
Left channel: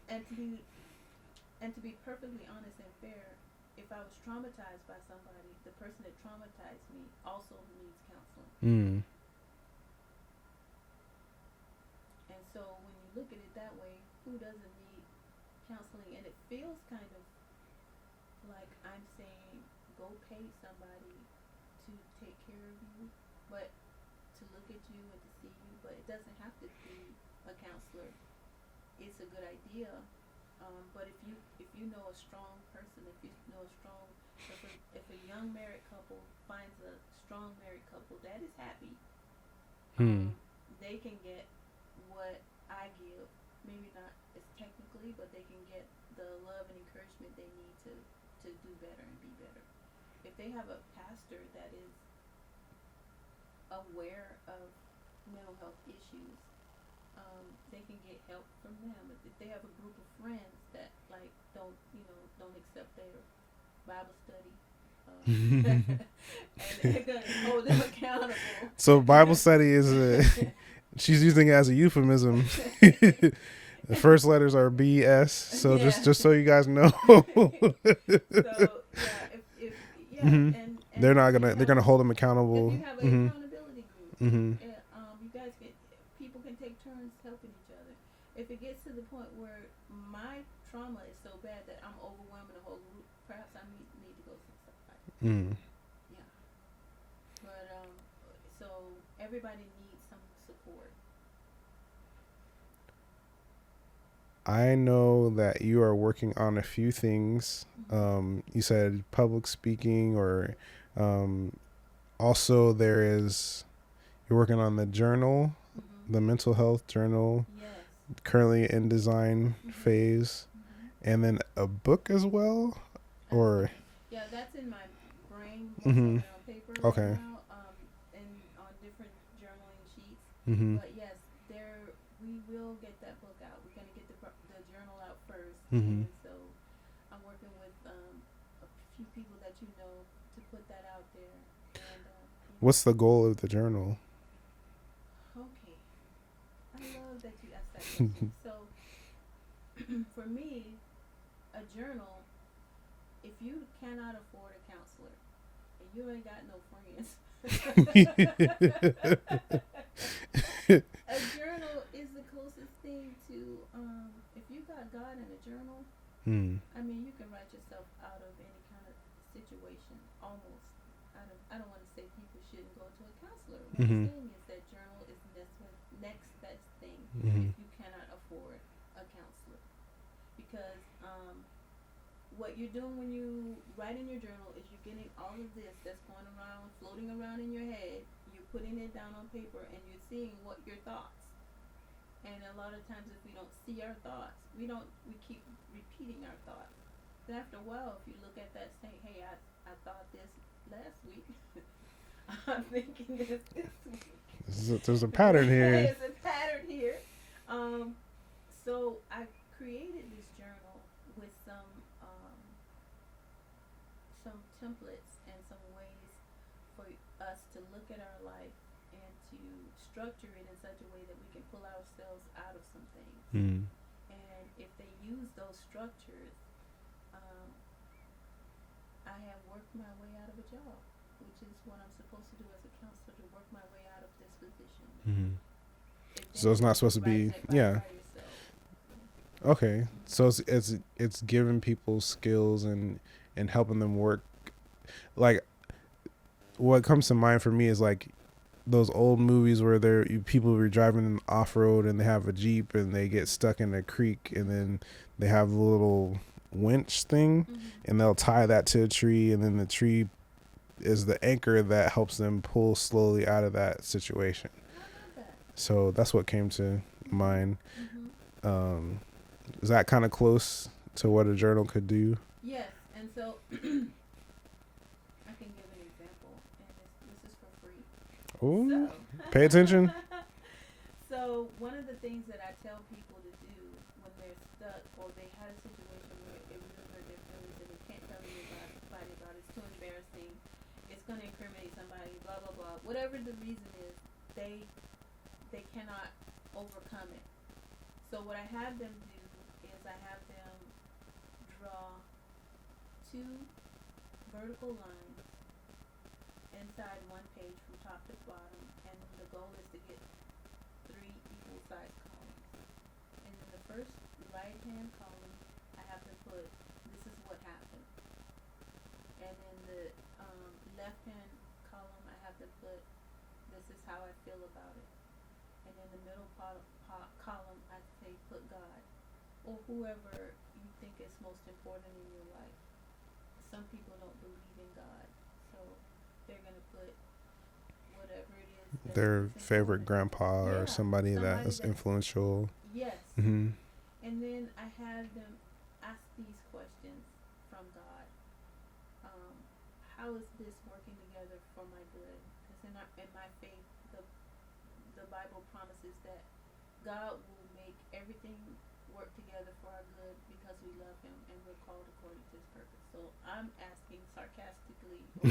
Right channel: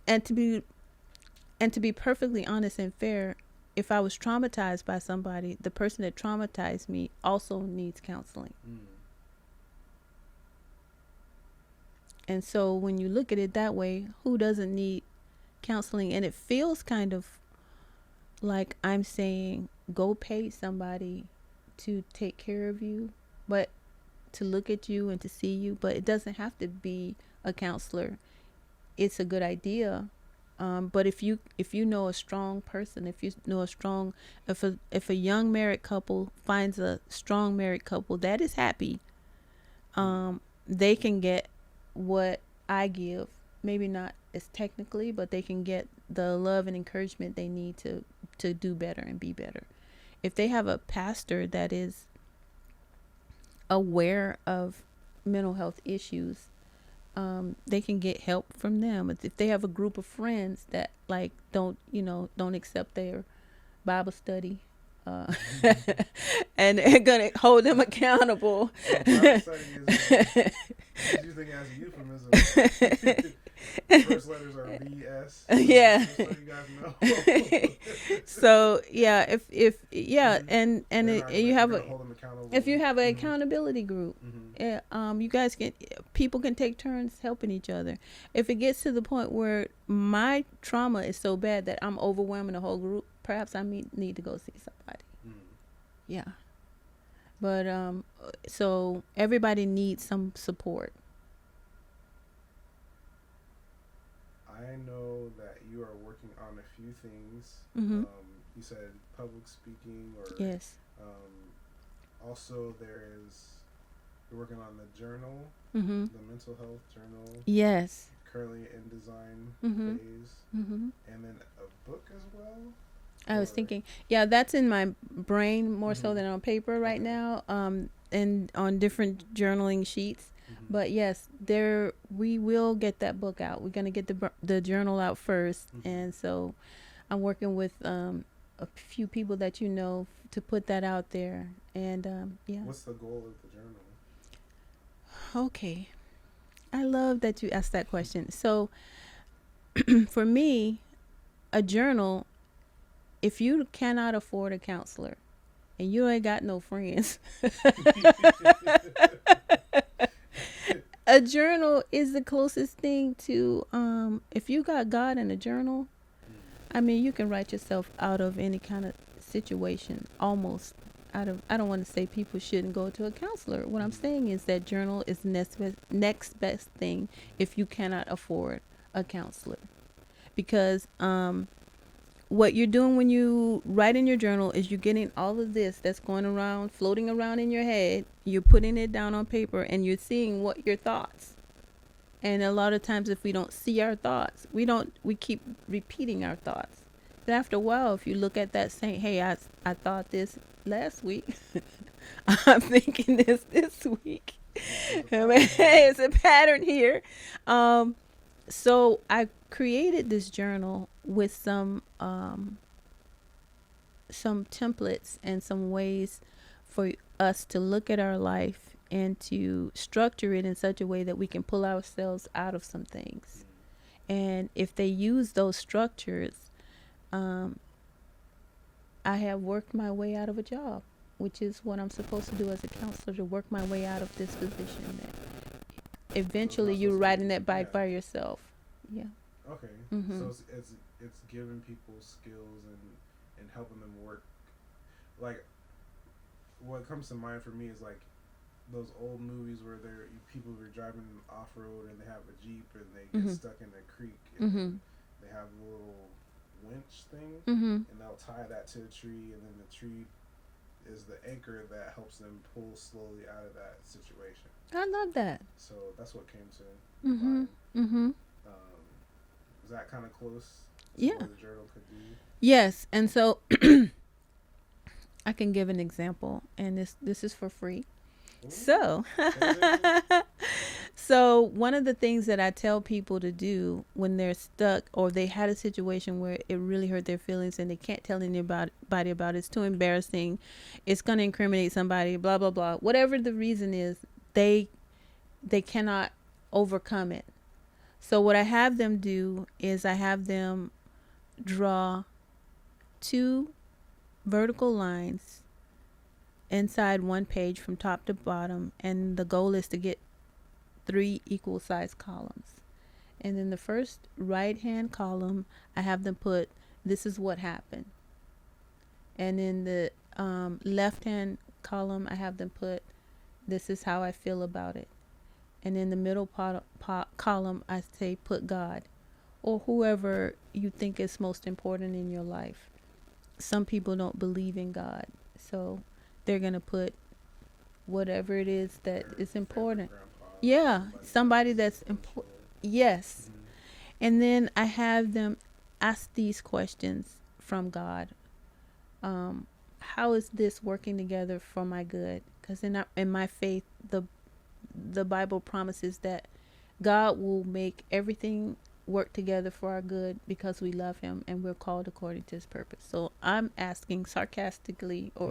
And to be perfectly honest and fair, if I was traumatized by somebody, the person that traumatized me also needs counseling. And so when you look at it that way, who doesn't need counseling? And it feels kind of like I'm saying, go pay somebody to take care of you, but to look at you and to see you. But it doesn't have to be a counselor. It's a good idea. But if you know a strong person, if a young married couple finds a strong married couple that is happy, they can get what I give. Maybe not as technically, but they can get the love and encouragement they need to do better and be better. If they have a pastor that is aware of mental health issues, they can get help from them. If they have a group of friends that don't accept their Bible study, and they're gonna hold them accountable. So Bible study is she's using it as a euphemism. The first letters are BS. So just so you guys know. So if and they're gonna hold them accountable. If you have an accountability group, people can take turns helping each other. If it gets to the point where my trauma is so bad that I'm overwhelming the whole group, perhaps I need to go see somebody. But so everybody needs some support. I know that you are working on a few things. You said public speaking, or also you're working on the journal, the mental health journal. Yes. Currently in design phase. And then a book as well. I was thinking, that's in my brain more so than on paper right now, and on different journaling sheets. But yes, we will get that book out. We're going to get the journal out first. And so I'm working with a few people that to put that out there. And what's the goal of the journal? Okay. I love that you asked that question. So for me, a journal, if you cannot afford a counselor and you ain't got no friends, a journal is the closest thing to, if you got God in a journal, I mean, you can write yourself out of any kind of situation, almost I don't want to say people shouldn't go to a counselor. What I'm saying is that journal is next best thing if you cannot afford a counselor. Because what you're doing when you write in your journal is you're getting all of this that's going around, floating around in your head. You're putting it down on paper and you're seeing what your thoughts. And a lot of times if we don't see our thoughts, we keep repeating our thoughts. But after a while, if you look at that saying, hey, I thought this last week. I'm thinking this week. There's a pattern here. It's a pattern here. So I created this journal with some templates and some ways for us to look at our life and to structure it in such a way that we can pull ourselves out of some things. And if they use those structures, I have worked my way out of a job, which is what I'm supposed to do as a counselor, to work my way out of this position. Eventually, you're riding that bike by yourself. Yeah. Okay. So it's giving people skills and helping them work. Like, what comes to mind for me is like those old movies where people were driving off road and they have a Jeep and they get stuck in a creek and then they have a little winch thing and they'll tie that to a tree, and then the tree is the anchor that helps them pull slowly out of that situation. I love that. So that's what came to mind. Is that kind of close to what a journal could do? Yes. And so I can give an example, and this is for free. Ooh, so pay attention. So one of the things that I tell people to do when they're stuck or they had a situation where it really hurt their feelings and they can't tell anybody about it, it's too embarrassing, it's going to incriminate somebody, blah, blah, blah. Whatever the reason is, they cannot overcome it. So what I have them do is I have them draw 2 vertical lines inside one page from top to bottom, and the goal is to get 3 equal sized columns. And in the first right hand column, I have them put, this is what happened. And in the left hand column, I have them put, this is how I feel about it. And in the middle column, I say put God, or whoever you think is most important in your life. Some people don't believe in God, so they're going to put whatever it is that their is important. Favorite grandpa or somebody that's influential. Yes. And then I have them ask these questions from God. How is this working together for my good? Because in my faith, the Bible promises that God will make everything work together for our good because we love him and we're called according to his purpose. So I'm asking sarcastically or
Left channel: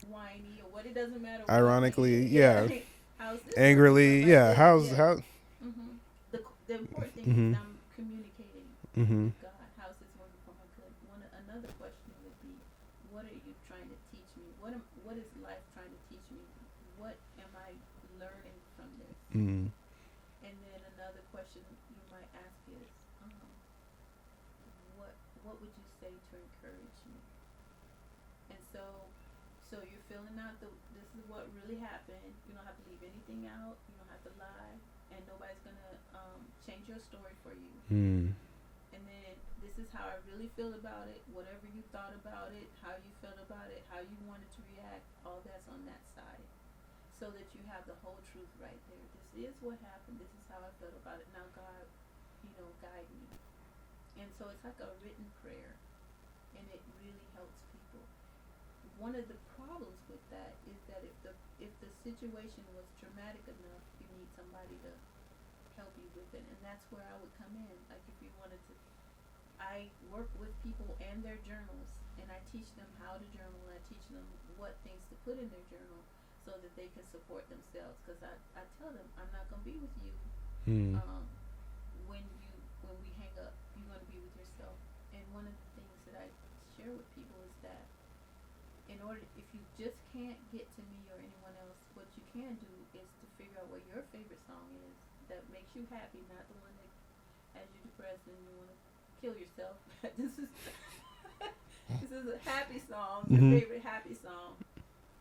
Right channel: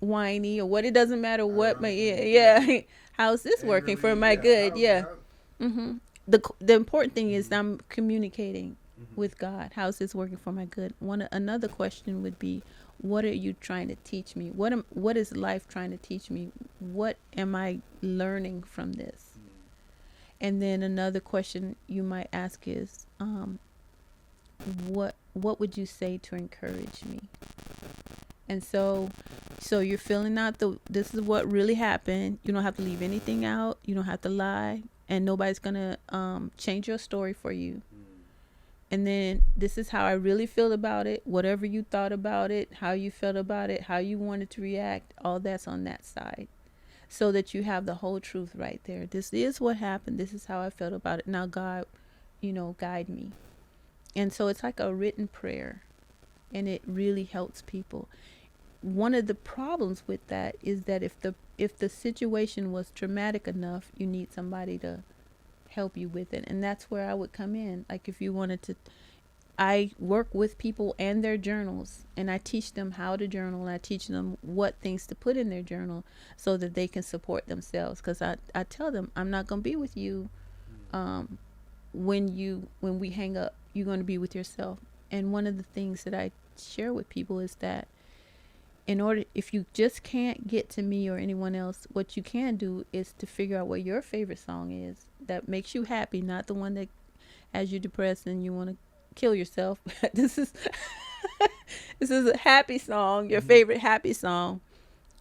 whiny or what, it doesn't matter what. How's this angrily, working for my good? The important thing is I'm communicating with God. How's this working for my good? Another question would be, what are you trying to teach me? What is life trying to teach me? What am I learning from this? And then another question you might ask is, what would you say to encourage me? And so you're filling out this is what really happened. You don't have to leave anything out. You don't have to lie, and nobody's gonna change your story for you. And then this is how I really feel about it. Whatever you thought about it, how you felt about it, how you wanted to react, all that's on that side, so that you have the whole truth right there. This is what happened. This is how I felt about it. Now God, guide me. And so it's like a written prayer, and it really helps people. One of the problems with that is that if the situation was traumatic enough, you need somebody to help you with it. And that's where I would come in. Like if you wanted to, I work with people and their journals, and I teach them how to journal, and I teach them what things to put in their journal so that they can support themselves. Because I tell them, I'm not going to be with you when we hang up. You're going to be with yourself. And one of the things that I share with people is that if you just can't get to me or anyone else, what you can do is to figure out what your favorite song is that makes you happy, not the one that has you depressed and you want to kill yourself. This is a happy song, your favorite happy song.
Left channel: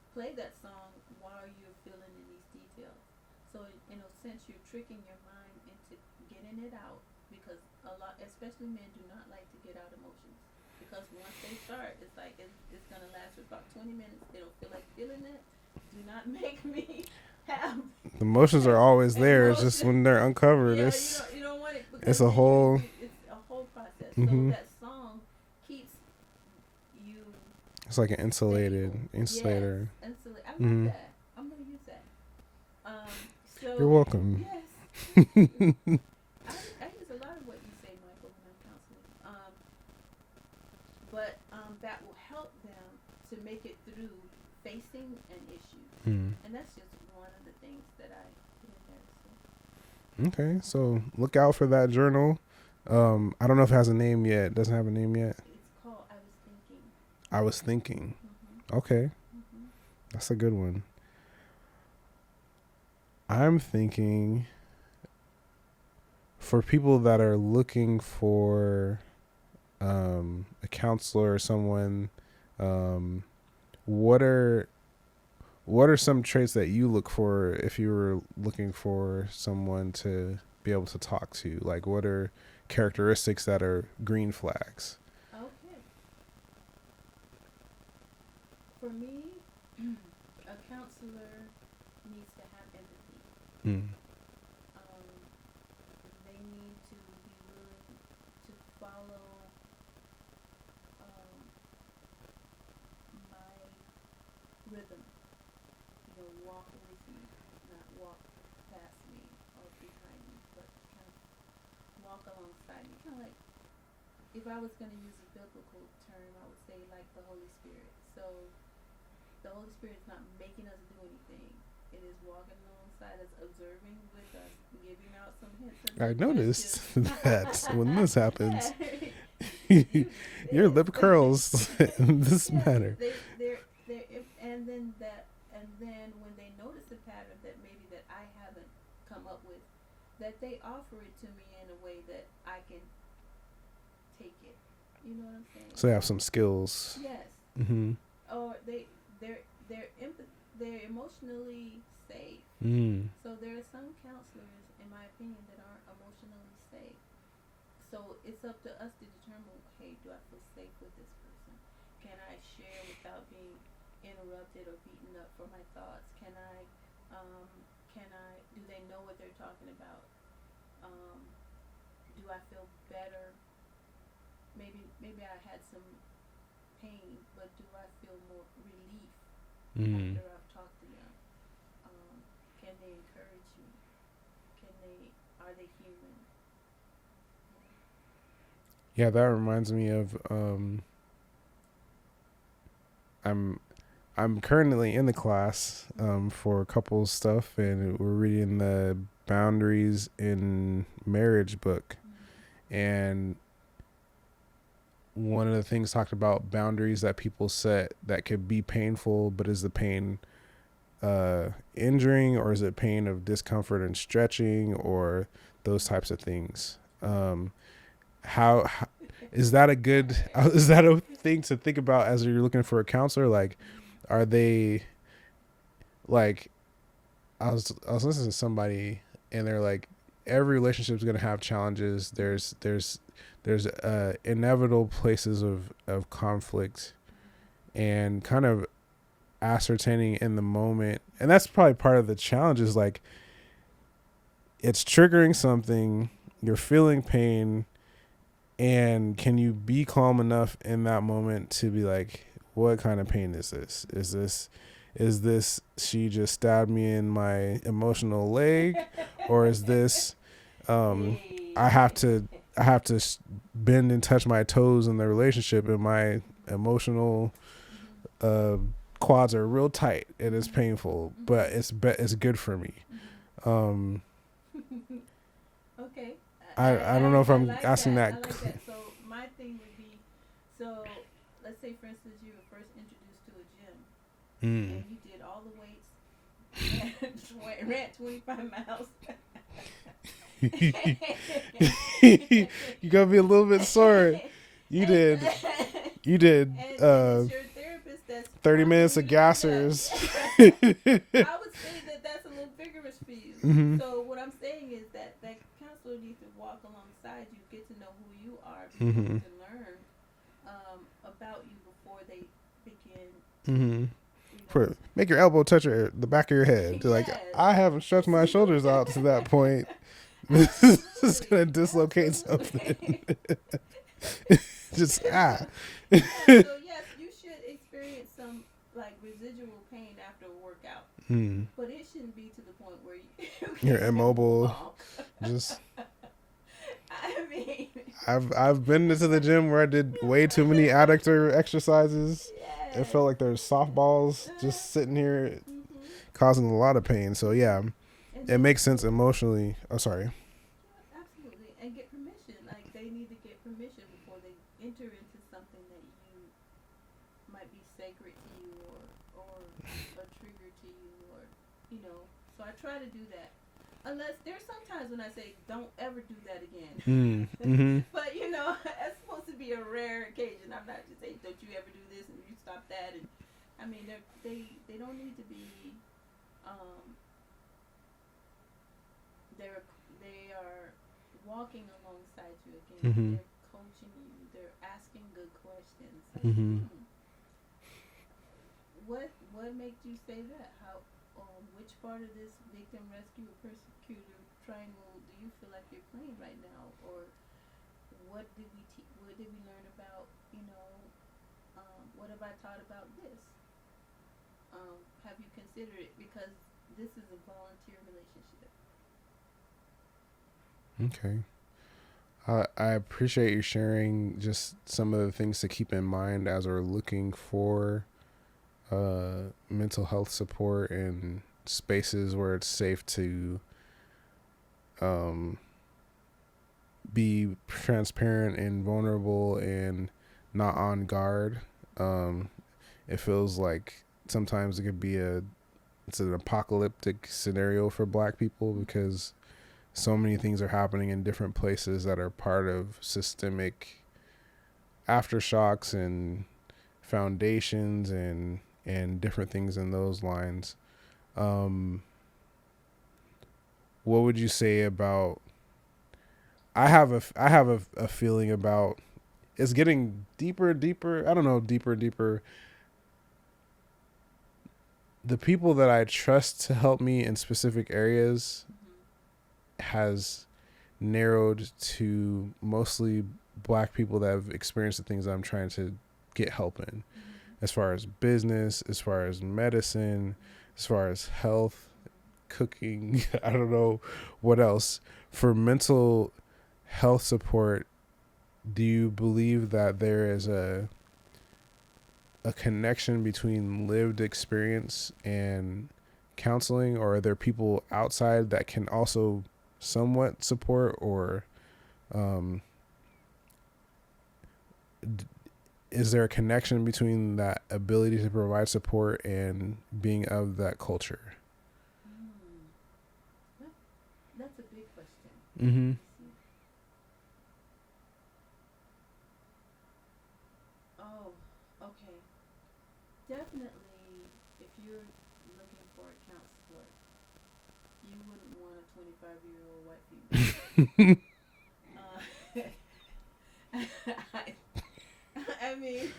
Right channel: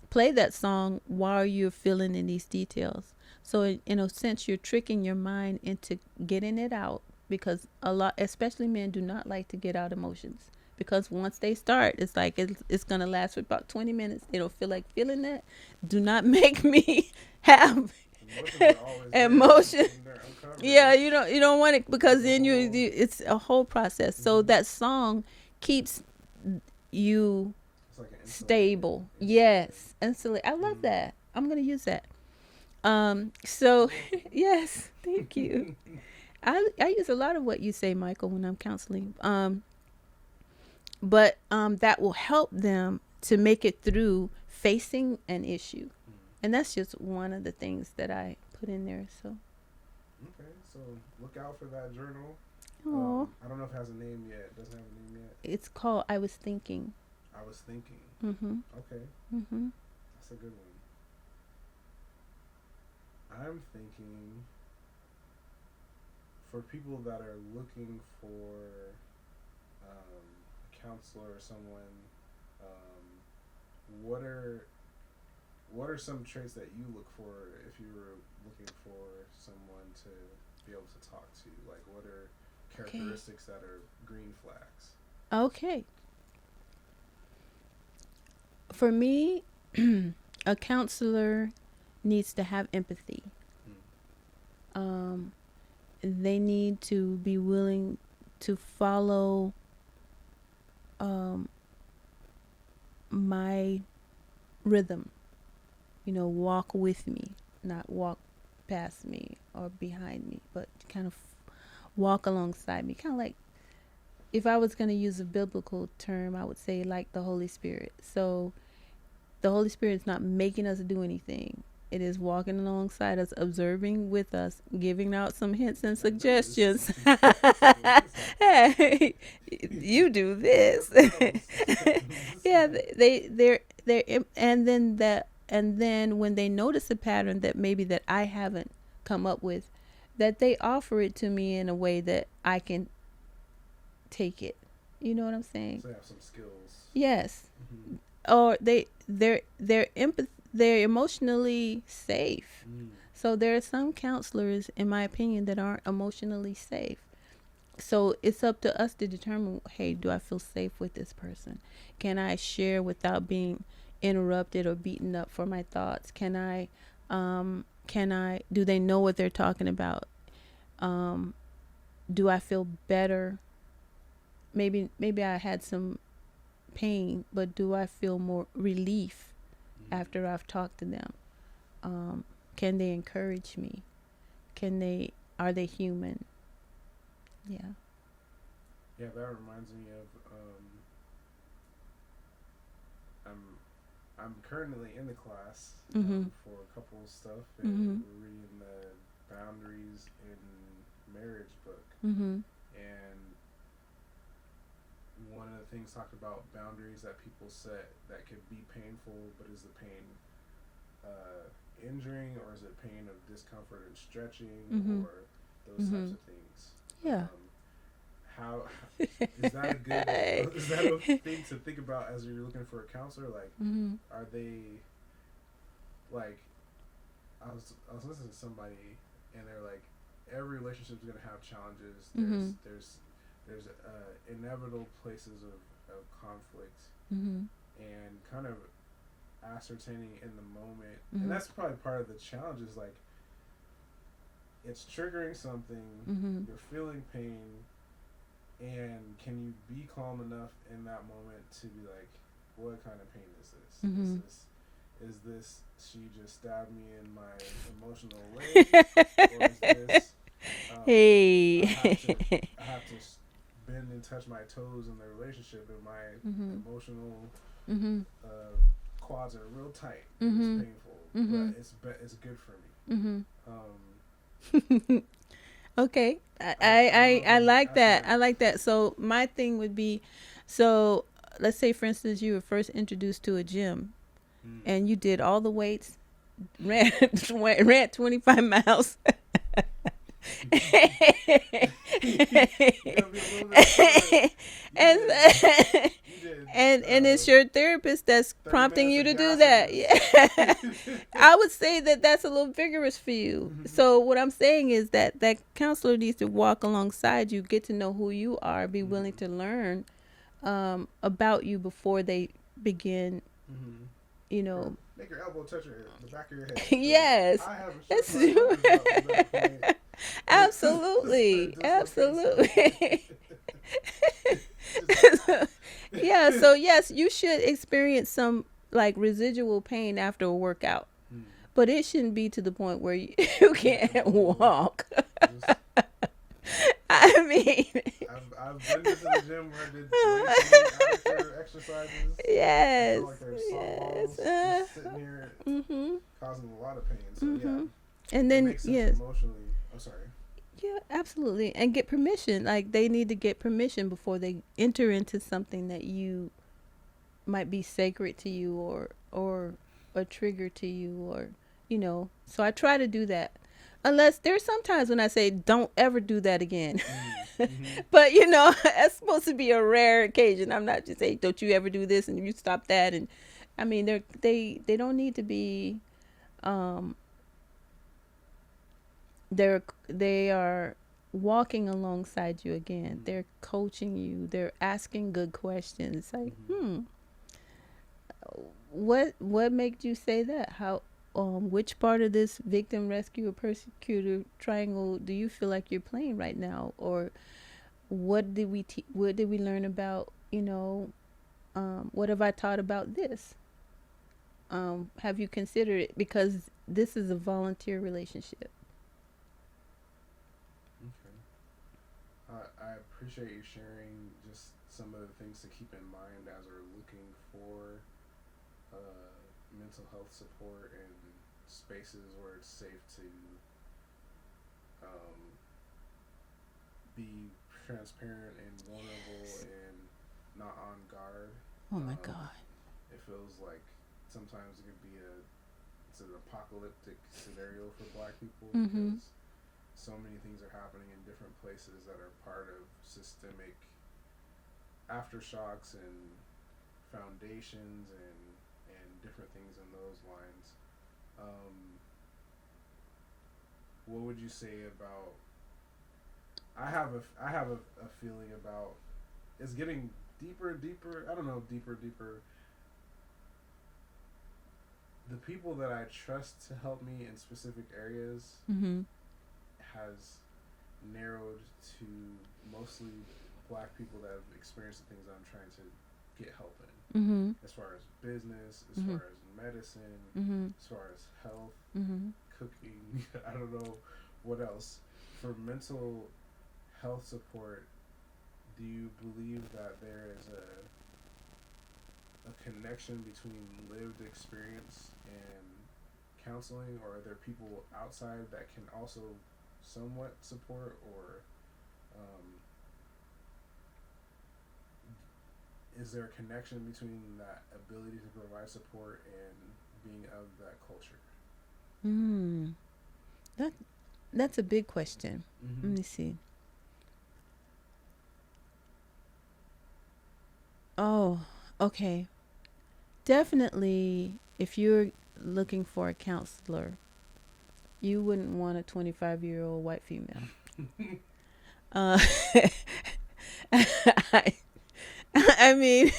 Play that song while you're filling in these details. So in a sense, you're tricking your mind into getting it out, because a lot, especially men, do not like to get out emotions. Because once they start, it's like it's going to last for about 20 minutes. They don't feel like feeling that. Do not make me have The emotions are always there. It's just when they're uncovered. Yeah, you don't want it, because then it's a whole process. So that song keeps you it's like an stable. Yes, insulate. I love that. I'm gonna use that. So you're welcome. Yes, thank you. I use a lot of what you say, Michael, when I'm counseling. But that will help them to make it through facing an issue. And that's just one of the things that I put in there. So okay, so look out for that journal. I don't know if it has a name yet. It doesn't have a name yet. It's called I Was Thinking. I Was Thinking. Okay. That's a good one. I'm thinking for people that are looking for a counselor or someone, what are some traits that you look for if you were looking for someone to be able to talk to? Like, what are characteristics that are green flags? Okay. For me, a counselor needs to have empathy. They need to be willing to follow my rhythm. Walk with me, not walk past me or behind me, but kind of walk alongside me. Kind of like, if I was going to use a biblical term, I would say like the Holy Spirit. So the Holy Spirit is not making us do anything. It is walking alongside us, observing with us, giving out some hints and suggestions. When this happens, hey, you do this. Yeah, lip curls. And then when they notice a pattern that maybe that I haven't come up with, that they offer it to me in a way that I can take it. You know what I'm saying? So they have some skills. Yes. Or they're emotionally safe. So there are some counselors, in my opinion, that aren't emotionally safe. So it's up to us to determine, hey, do I feel safe with this person? Can I share without being interrupted or beaten up for my thoughts? Can I do they know what they're talking about? Do I feel better? Maybe I had some pain, but do I feel more relief after I've talked to them? Can they encourage me? Are they human? Yeah, that reminds me of I'm currently in the class for couples stuff, and we're reading the Boundaries in Marriage book. And one of the things talked about boundaries that people set that could be painful, but is the pain injuring, or is it pain of discomfort and stretching, or those types of things? How is that a good is that a thing to think about as you're looking for a counselor? Like, are they like, I was listening to somebody, and they're like, every relationship is going to have challenges. There's inevitable places of conflict, and kind of ascertaining in the moment. And that's probably part of the challenge, is like, it's triggering something, you're feeling pain, and can you be calm enough in that moment to be like, what kind of pain is this? Is this she just stabbed me in my emotional leg, or is this I have to bend and touch my toes in the relationship, and my emotional quads are real tight, and it's painful, but it's good for me. Okay. I like that. I like that. So my thing would be, so let's say, for instance, you were first introduced to a gym, and you did all the weights, ran 25 miles. You gotta be a little bit sore. You did. And it's your therapist that's 30 prompting minutes you of to do gassers. that. Yeah. I would say that that's a little vigorous for you. Mm-hmm. So what I'm saying is that that counselor needs to walk alongside you, get to know who you are, be willing to learn about you before they begin. You know, Make your elbow touch the back of your head. Be yes, like, I haven't stretched my shoulders out to that point. absolutely, dislocate absolutely. Just Yeah. So yes, you should experience some like residual pain after a workout, but it shouldn't be to the point where you can't walk. Just, I mean, I've been to the gym where I did way too many adductor exercises. yes, I felt like there's softballs just sitting here causing a lot of pain. So yeah, and then, it makes sense emotionally. Oh, sorry. Yeah, absolutely. And get permission. Like they need to get permission before they enter into something that you might be sacred to you or a trigger to you, or you know. So I try to do that. Unless there's sometimes when I say don't ever do that again. But you know, it's supposed to be a rare occasion. I'm not just saying don't you ever do this and you stop that. And I mean they don't need to be they are walking alongside you again. They're coaching you. They're asking good questions. Like, what made you say that? How which part of this victim, rescuer, persecutor triangle do you feel like you're playing right now? Or what did we learn about, you know, what have I taught about this? Have you considered it? Because this is a volunteer relationship. Okay. I appreciate you sharing just some of the things to keep in mind as we're looking for mental health support and spaces where it's safe to be transparent and vulnerable and not on guard. It feels like sometimes it could be it's an apocalyptic scenario for Black people because so many things are happening in different places that are part of systemic aftershocks and foundations and different things in those lines. What would you say about? I have a feeling about it's getting deeper. I don't know, deeper. The people that I trust to help me in specific areas has narrowed to mostly Black people that have experienced the things I'm trying to get help in, as far as business, as far as medicine, as far as health, cooking. I don't know what else. For mental health support, do you believe that there is a connection between lived experience and counseling, or are there people outside that can also somewhat support, or is there a connection between that ability to provide support and being of that culture? That's a big question. Let me see. Oh, okay. Definitely, if you're looking for a counselor, you wouldn't want a 25-year-old white female. I mean,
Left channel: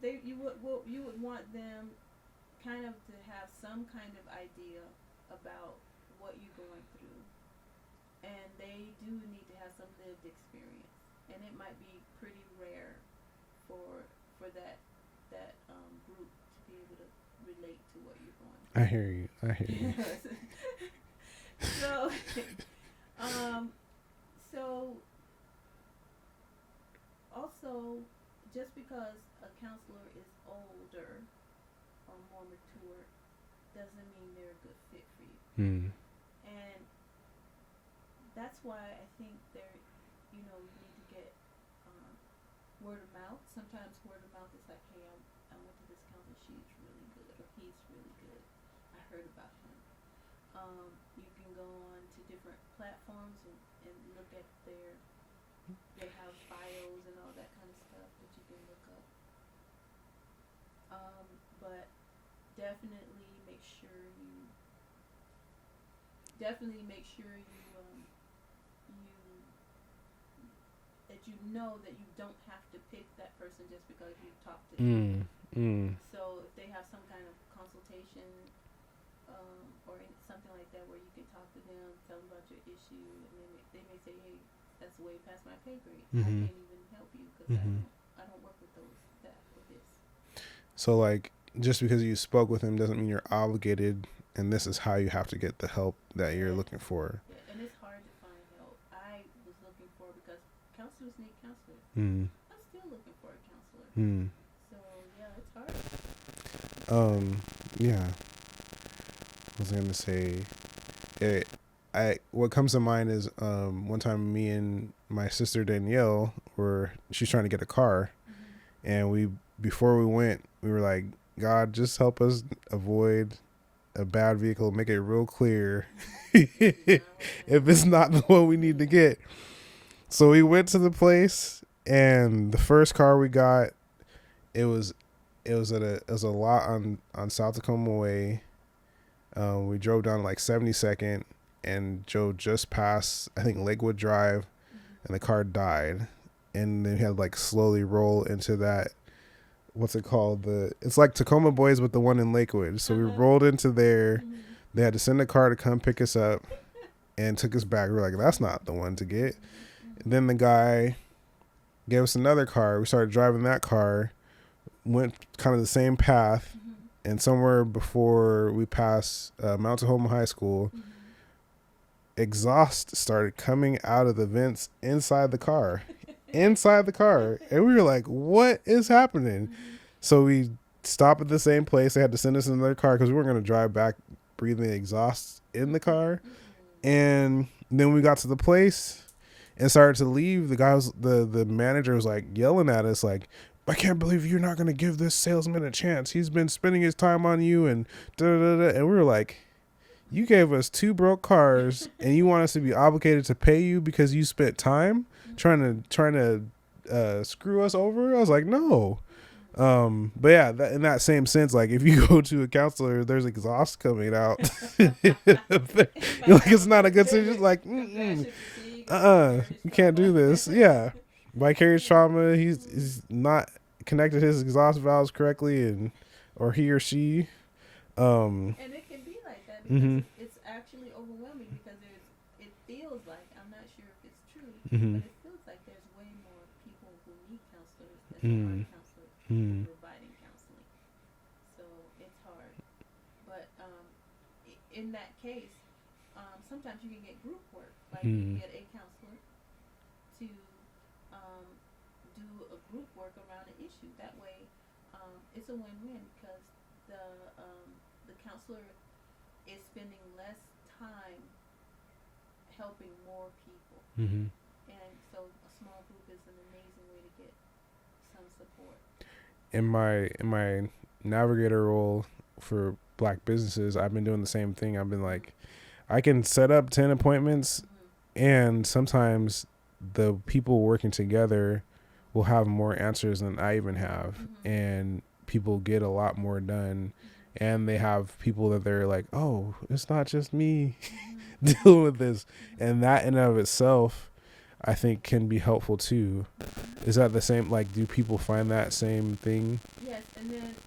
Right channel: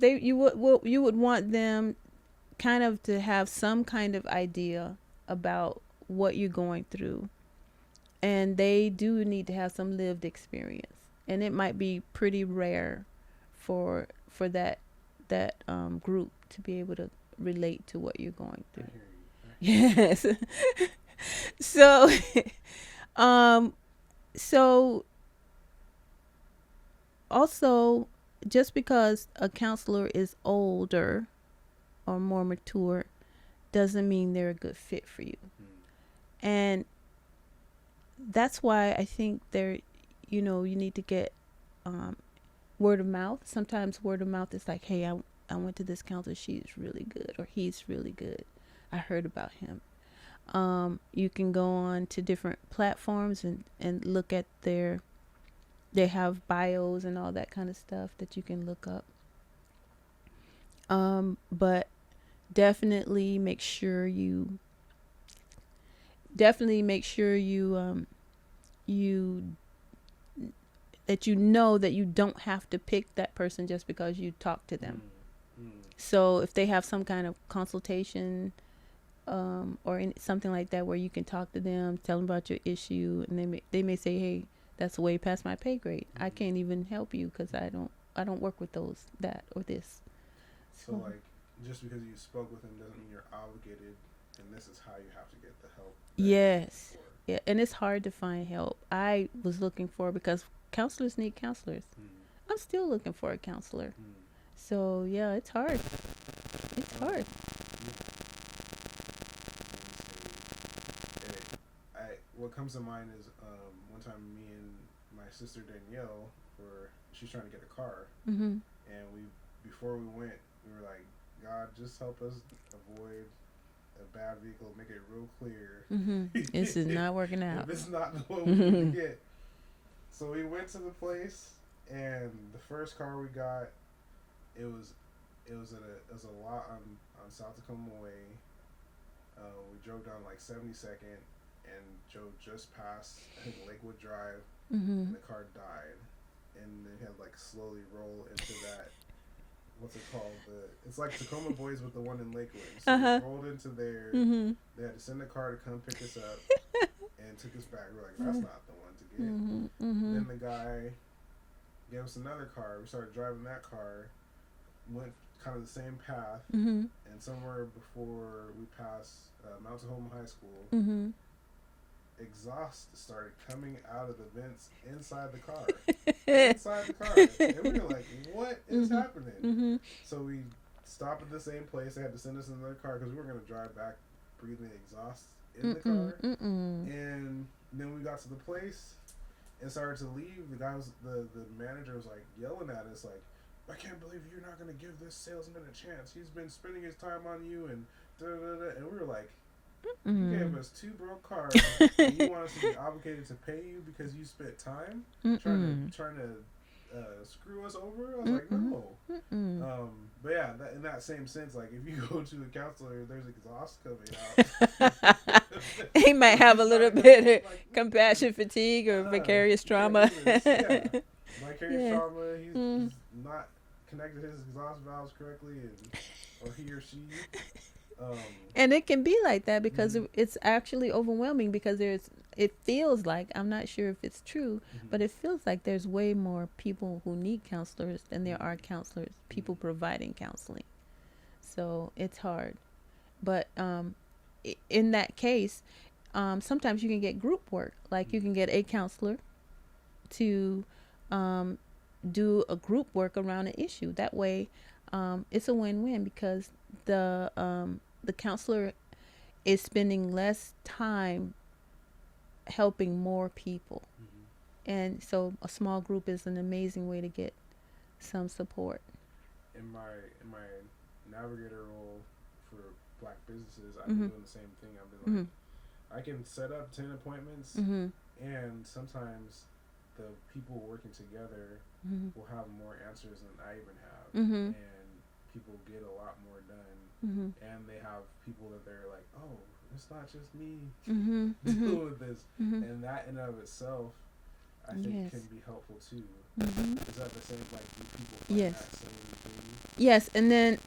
you would want them kind of to have some kind of idea about what you're going through, and they do need to have some lived experience, and it might be pretty rare for that group to be able to relate to what you're going through. I hear you. Yes. So so also, just because a counselor is older or more mature doesn't mean they're a good fit for you. And that's why I think you need to get word of mouth. Sometimes word of mouth is like, hey, I went to this counselor, she's really good, or he's really good, I heard about him. You can go on to different platforms and look at their They have bios and all that kind of stuff that you can look up. But definitely make sure you you that you know that you don't have to pick that person just because you talk to them. So if they have some kind of consultation or something like that where you can talk to them, tell them about your issue, and they may say, hey, that's way past my pay grade. I can't even help you because I don't work with that or this. So like, just because you spoke with him doesn't mean you're obligated, and this is how you have to get the help that you're looking for. Yeah, and it's hard to find help. I was looking for, because counselors need counselors. I'm still looking for a counselor. So yeah, it's hard. It's hard. Yeah. I was gonna say, what comes to mind is one time me and my sister Danielle she's trying to get a car, and before we went, we were like, God, just help us avoid a bad vehicle, make it real clear. This is not working out. If it's not the one we need to get. So we went to the place, and the first car we got, it was a lot on South Tacoma Way. We drove down like 72nd, and Joe just passed, I think, Lakewood Drive, and the car died. And then we had to like slowly roll into that, what's it called? It's like Tacoma Boys, but the one in Lakewood. So we rolled into there. They had to send a car to come pick us up and took us back. We were like, that's not the one to get. Then the guy gave us another car. We started driving that car, went kind of the same path, and somewhere before we passed Mount Tahoma High School, exhaust started coming out of the vents inside the car. And we were like, what is happening? So we stopped at the same place. They had to send us another car because we weren't going to drive back breathing exhaust in the car. And then we got to the place and started to leave. The manager was like yelling at us like, I can't believe you're not going to give this salesman a chance. He's been spending his time on you, and da-da-da-da. And we were like, you gave us 2 broke cars, and you want us to be obligated to pay you because you spent time trying to screw us over? I was like, no. But yeah, in that same sense, like if you go to a counselor, there's exhaust coming out. He might have it's not a good thing. Like compassion fatigue or vicarious trauma. You can't do this. Yeah, vicarious trauma. He's not connected his exhaust valves correctly, or he or she. And it can be like that because it's actually overwhelming because it feels like, I'm not sure if it's true, but it feels like there's way more people who need counselors than there are counselors, people providing counseling. So it's hard. But in that case, sometimes you can get group work. Like you can get a counselor to do a group work around an issue. That way, it's a win-win because the counselor is spending less time helping more people. And so a small group is an amazing way to get some support. In my navigator role for Black businesses, I've been doing the same thing. I've been like, I can set up 10 appointments, and sometimes the people working together will have more answers than I even have. And people get a lot more done, and they have people that they're like, oh, it's not just me dealing with this. And that in and of itself, I think can be helpful too. Is that the same? Like, do people find that same thing? Yes. And then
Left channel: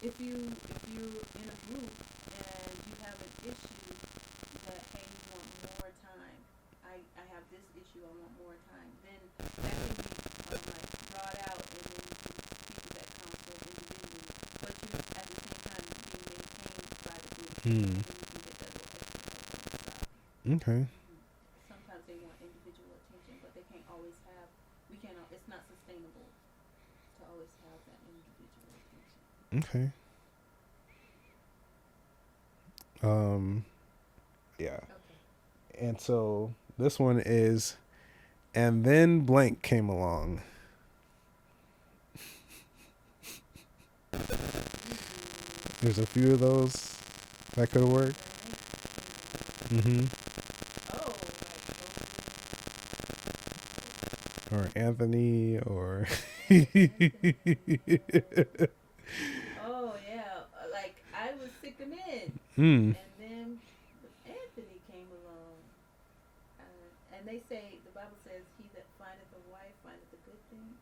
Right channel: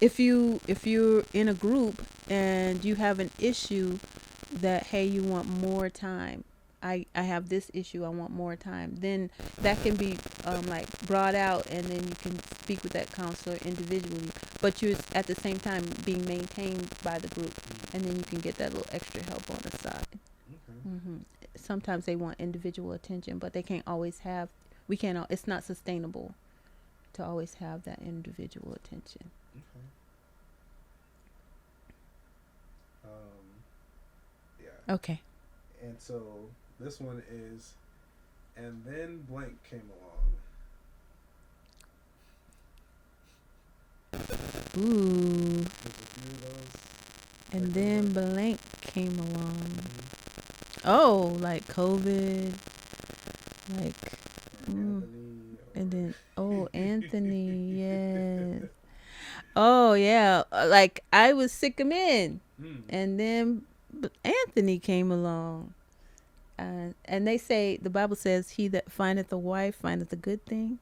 if you're in a group and you have an issue that, hey, you want more time, I have this issue, I want more time, then that can be like brought out, and then you can speak with that counselor individually, but you're at the same time being maintained by the group, and then you can get that little extra help on the side. Okay. Sometimes they want individual attention, but they can't always have, it's not sustainable to always have that individual attention. Okay. Yeah. Okay. And so this one is, and then blank came along. Ooh. There's a few of those that could work. And then blank came along. Oh, like COVID, like or Anthony, or Anthony, yes. Oh yeah, like I was sick of men, and then Anthony came along, and they say the Bible says, "He that findeth a wife findeth a good thing."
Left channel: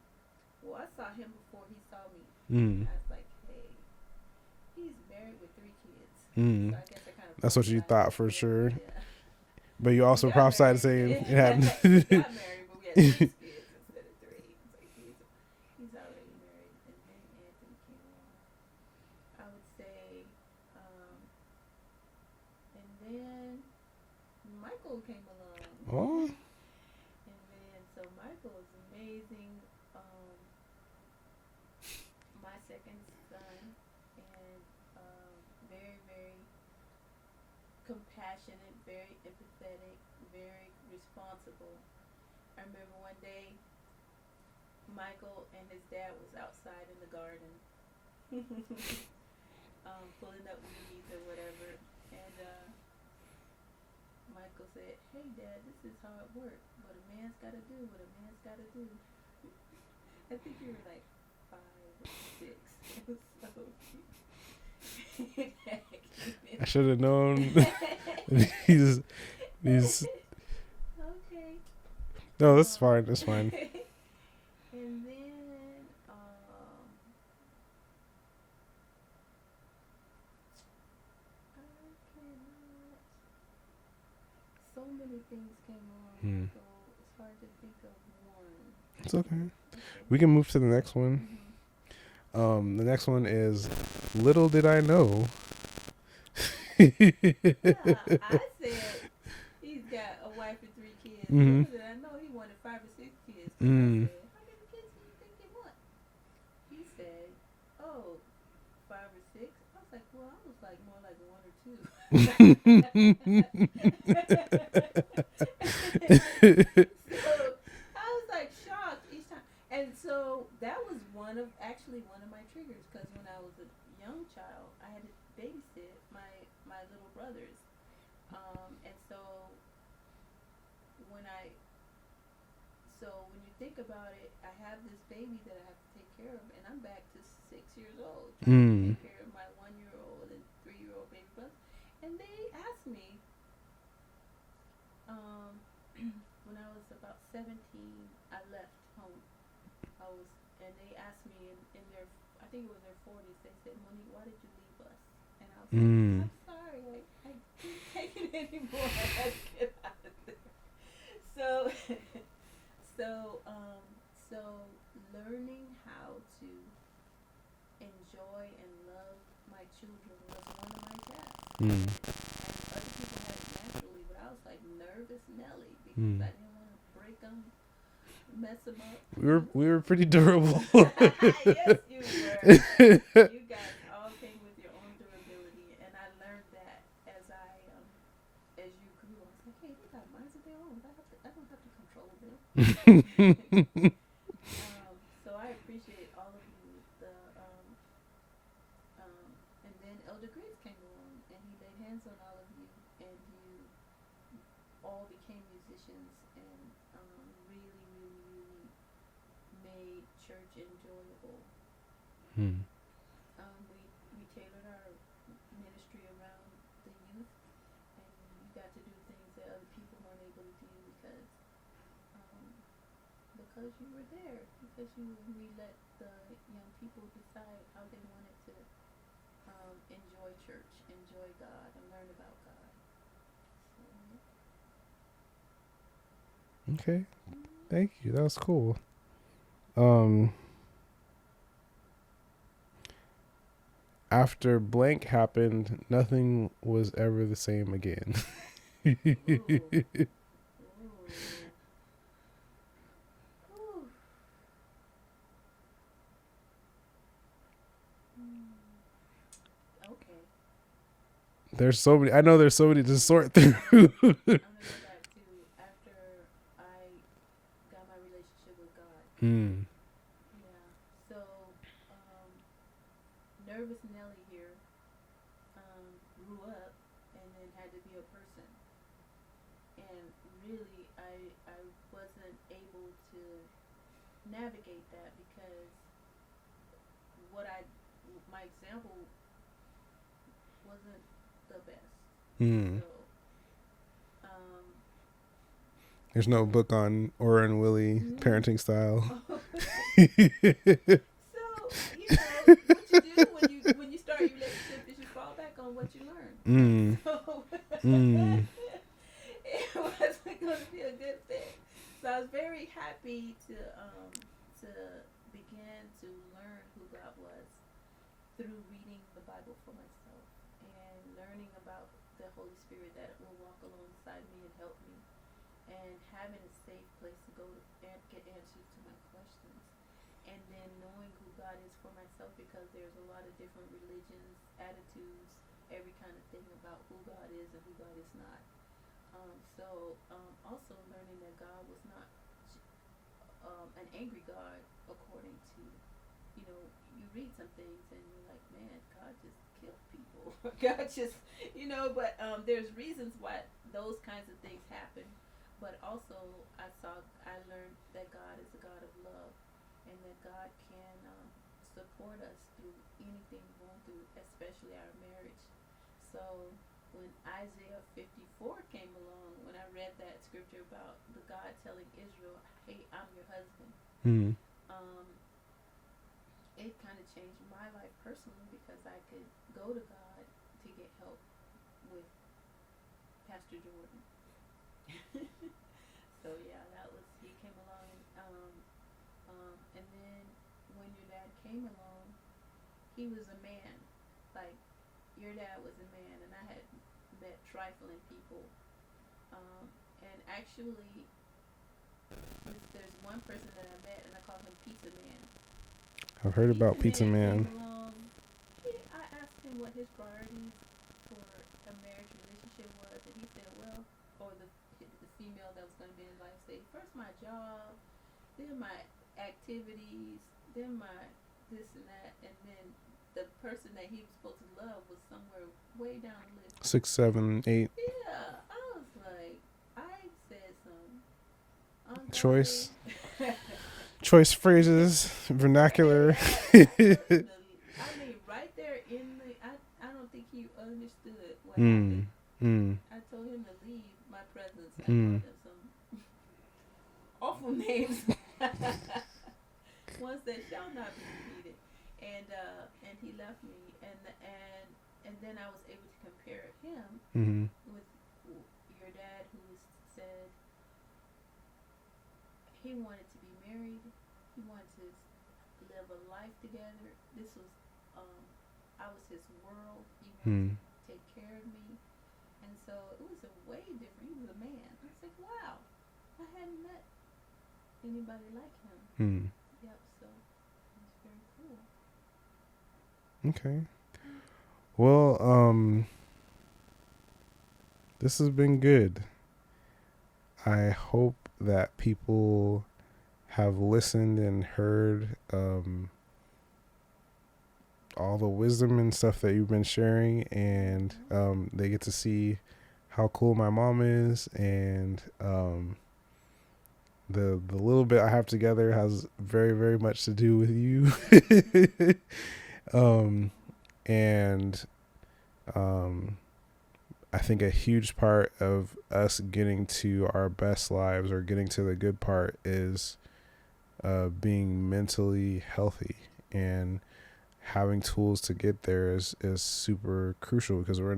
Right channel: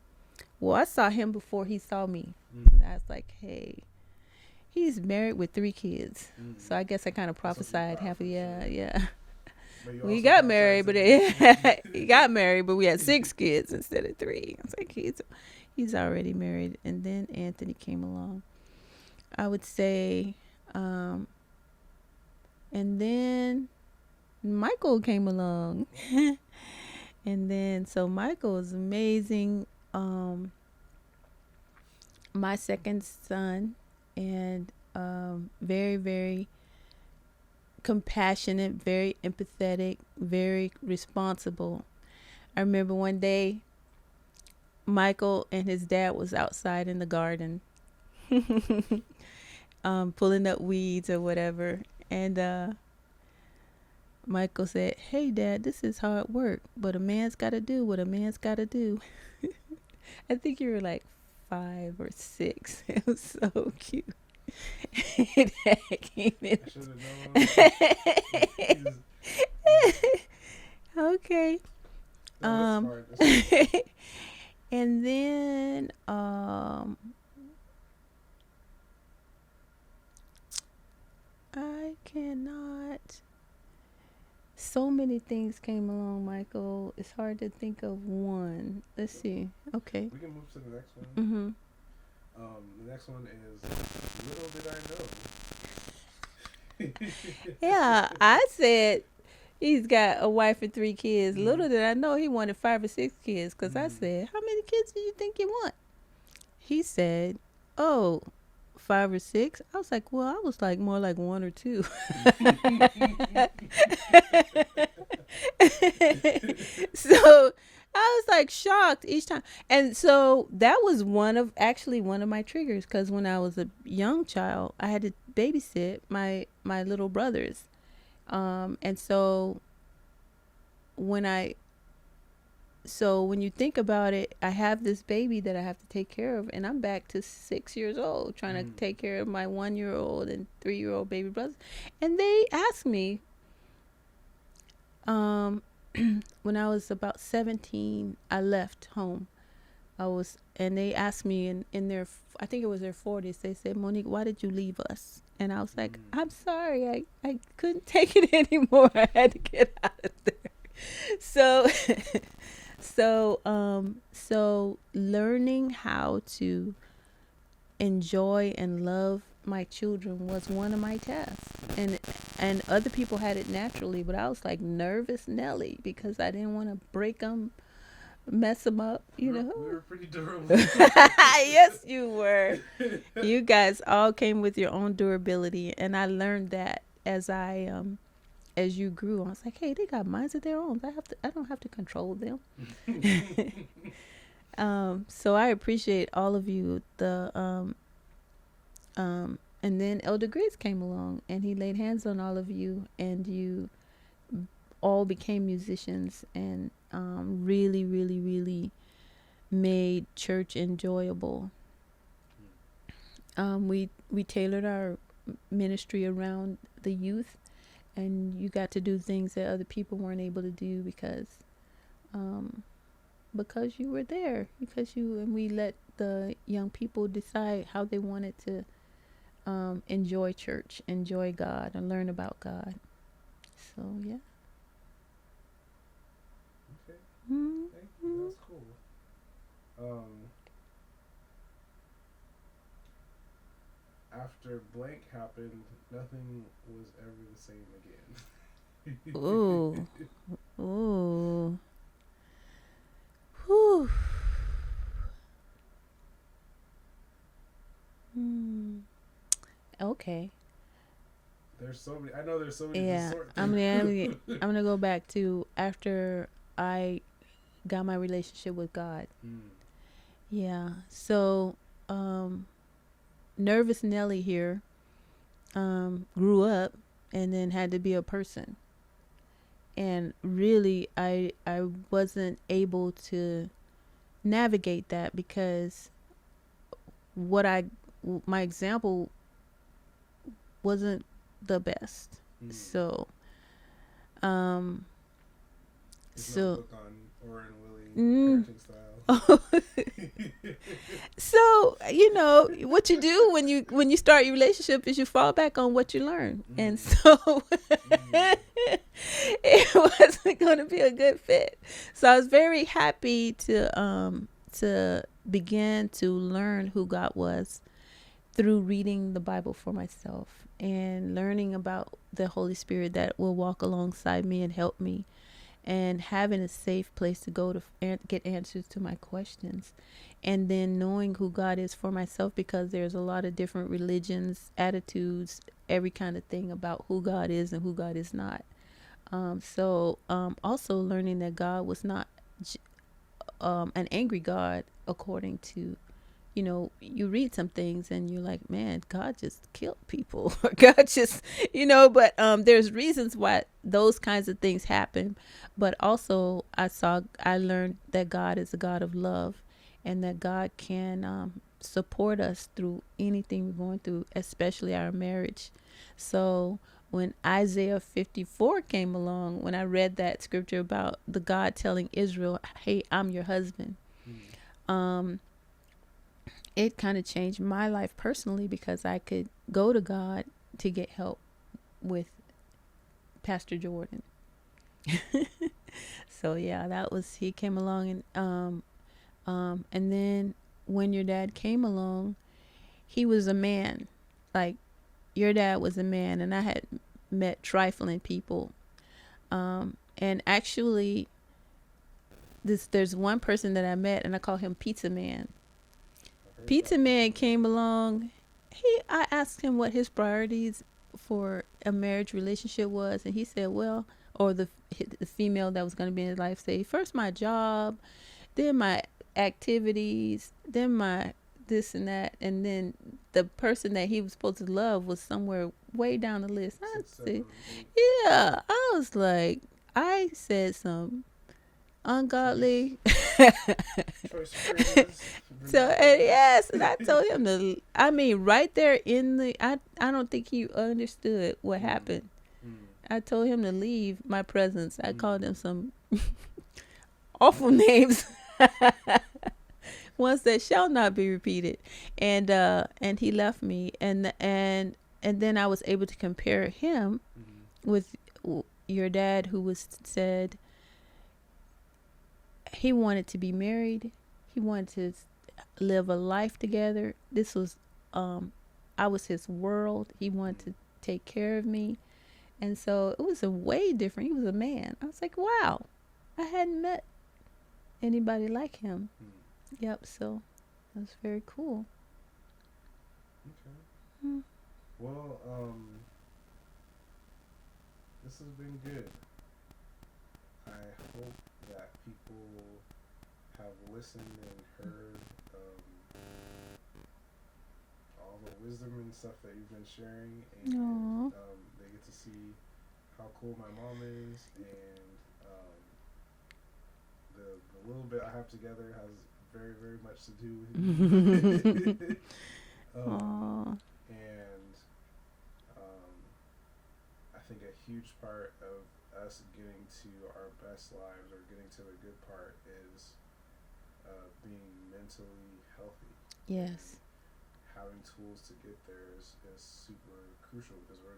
Well, I saw him before he saw me. And I was like, "Hey, he's married with 3 kids." So I guess I kind of prophesied. That's what you thought for sure. Yeah. But you also got prophesied married, but he got married, but we had 6 kids instead of 3. I was like, he's already married. And then Anthony came along. I would say, and then Michael came along. Oh. And then, so Michael is amazing. My second son, and very, very compassionate, very empathetic, very responsible. I remember one day Michael and his dad was outside in the garden pulling up weeds or whatever, and Michael said, "Hey Dad, this is hard work, but a man's got to do what a man's got to do." I think you were like 5 or 6. It was so cute. I should have known. he's okay. No, that's fine. That's fine. And then I cannot. So many things came along, Michael. It's hard to think of one. Let's see. Okay. We can move to the next one. The next one is Little Did I Know. Yeah, I said he's got a wife and 3 kids. Little did I know he wanted 5 or 6 kids, because I said, "How many kids do you think you want?" He said, "Oh, 5 or 6." I was like, "Well, I was like more like 1 or 2." So I was like shocked each time. And so that was one of my triggers, because when I was a young child, I had to babysit my little brothers. And so when you think about it, I have this baby that I have to take care of, and I'm back to 6 years old trying to take care of my 1-year-old and 3-year-old baby brothers. And they asked me, when I was about 17, I left home. And they asked me in their, I think it was their 40s, they said, "Monique, why did you leave us?" And I was like, "I'm sorry, I couldn't take it anymore. I had to get out of there." So learning how to enjoy and love my children was one of my tasks. And other people had it naturally, but I was like nervous Nelly, because I didn't want to break them, mess them up. We were pretty durable. Yes, you were. You guys all came with your own durability, and I learned that as you grew. I was like, hey, they got minds of their own. I don't have to control them. So I appreciate all of you. And then Elder Grace came along, and he laid hands on all of you, and you all became musicians, and really, really, really made church enjoyable. We tailored our ministry around the youth, and you got to do things that other people weren't able to do because you were there, and we let the young people decide how they wanted to enjoy church, enjoy God, and learn about God. So yeah. Okay. Thank you. That was cool. After blank happened, nothing was ever the same again. Ooh. Ooh. Whew. Okay. There's so many. I know there's so many to sort through. I'm gonna go back to after I got my relationship with God. Yeah. So, nervous Nelly here grew up and then had to be a person. And really, I wasn't able to navigate that, because my example wasn't the best. So there's no book on Ora and Willie parenting style. So what you do when you start your relationship is you fall back on what you learn, and so it wasn't going to be a good fit. So I was very happy to begin to learn who God was through reading the Bible for myself and learning about the Holy Spirit that will walk alongside me and help me, and having a safe place to go to get answers to my questions, and then knowing who God is for myself, because there's a lot of different religions, attitudes, every kind of thing about who God is and who God is not. So also learning that God was not an angry God, according to, you read some things and you're like, man, God just killed people. Or God just, but there's reasons why those kinds of things happen. But also I learned that God is a God of love, and that God can support us through anything we're going through, especially our marriage. So when Isaiah 54 came along, when I read that scripture about the God telling Israel, hey, I'm your husband, it kind of changed my life personally, because I could go to God to get help with Pastor Jordan. So yeah, he came along, and then when your dad came along, he was a man. Like, your dad was a man, and I had met trifling people. And actually, there's one person that I met, and I call him Pizza Man. I've heard Pizza about Man Pizza Man came along. I asked him what his priorities for a marriage relationship was, and he said, well, or the female that was going to be in his life, say, first my job, then my activities, then my this and that, and then the person that he was supposed to love was somewhere way down the list. 6, 7, 8. Yeah, I was like, I said some ungodly choice phrases, vernacular. So, yes, I told him right there I don't think he understood what happened. I told him to leave my presence. I called him some awful names, ones that shall not be repeated, and he left me, and then I was able to compare him with your dad, who said he wanted to be married, he wanted to live a life together. This was I was his world. He wanted to take care of me, and so it was a way different. He was a man. I was like, wow, I hadn't met anybody like him. Yep. So it was very cool. Okay. Well, this has been good. I hope that people have listened and heard all the wisdom and stuff that you've been sharing, and they get to see how cool my mom is, and the little bit I have together has very, very much to do with you. And I think a huge part of us getting to our best lives, or getting to the good part, is being mentally healthy. Yes. And having tools to get there is super crucial, because we're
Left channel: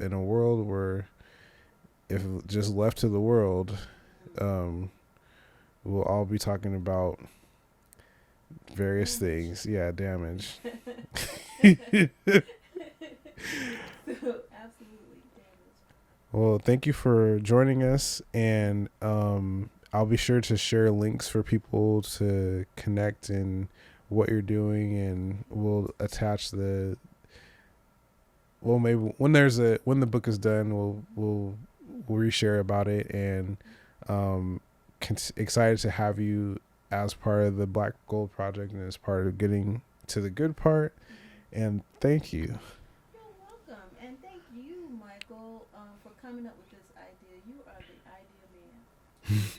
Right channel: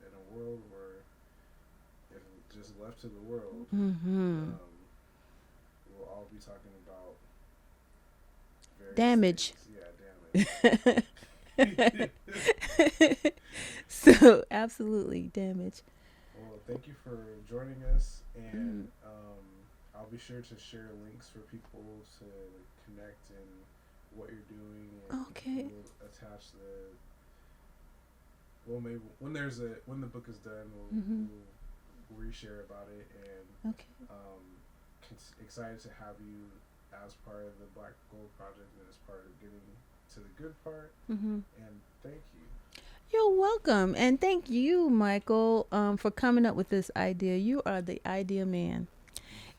in a world where, if just left to the world, we'll all be talking about various things. Yeah, damage. So absolutely damage. Well, thank you for joining us, and I'll be sure to share links for people to connect and what you're doing, and we'll attach maybe when the book is done, we'll reshare about it, and excited to have you as part of the Black Gold Project, and as part of getting to the good part. And thank you. You're welcome, and thank you, Michael, for coming up with this idea. You are the idea man.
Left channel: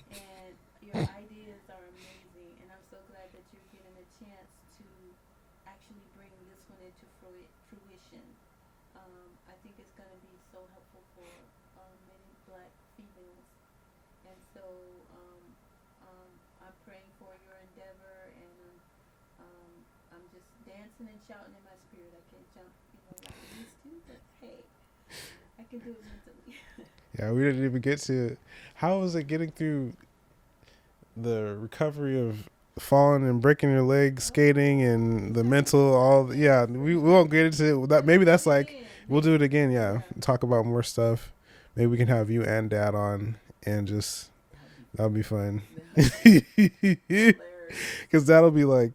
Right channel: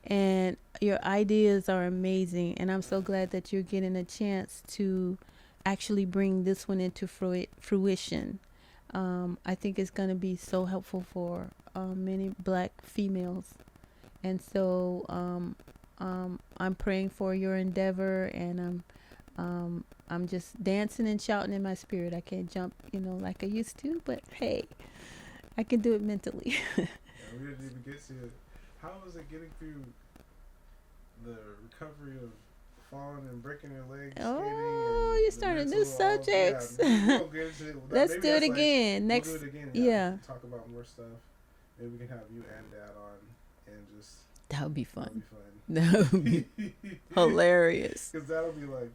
And Your ideas are amazing, and I'm so glad that you're getting a chance to actually bring this one into fruition. I think it's going to be so helpful for many black females, and so I'm praying for your endeavor, and I'm just dancing and shouting in my spirit. I can't jump, like I used to, but hey, I can do it mentally. Yeah, we didn't even get to how was it getting through the recovery of falling and breaking your leg skating and the mental all. Yeah, we won't get into that. Maybe that's like we'll do it again. Yeah, talk about more stuff. Maybe we can have you and Dad on and just that would be fun. That'll be fun. That would be hilarious. Because that'll be like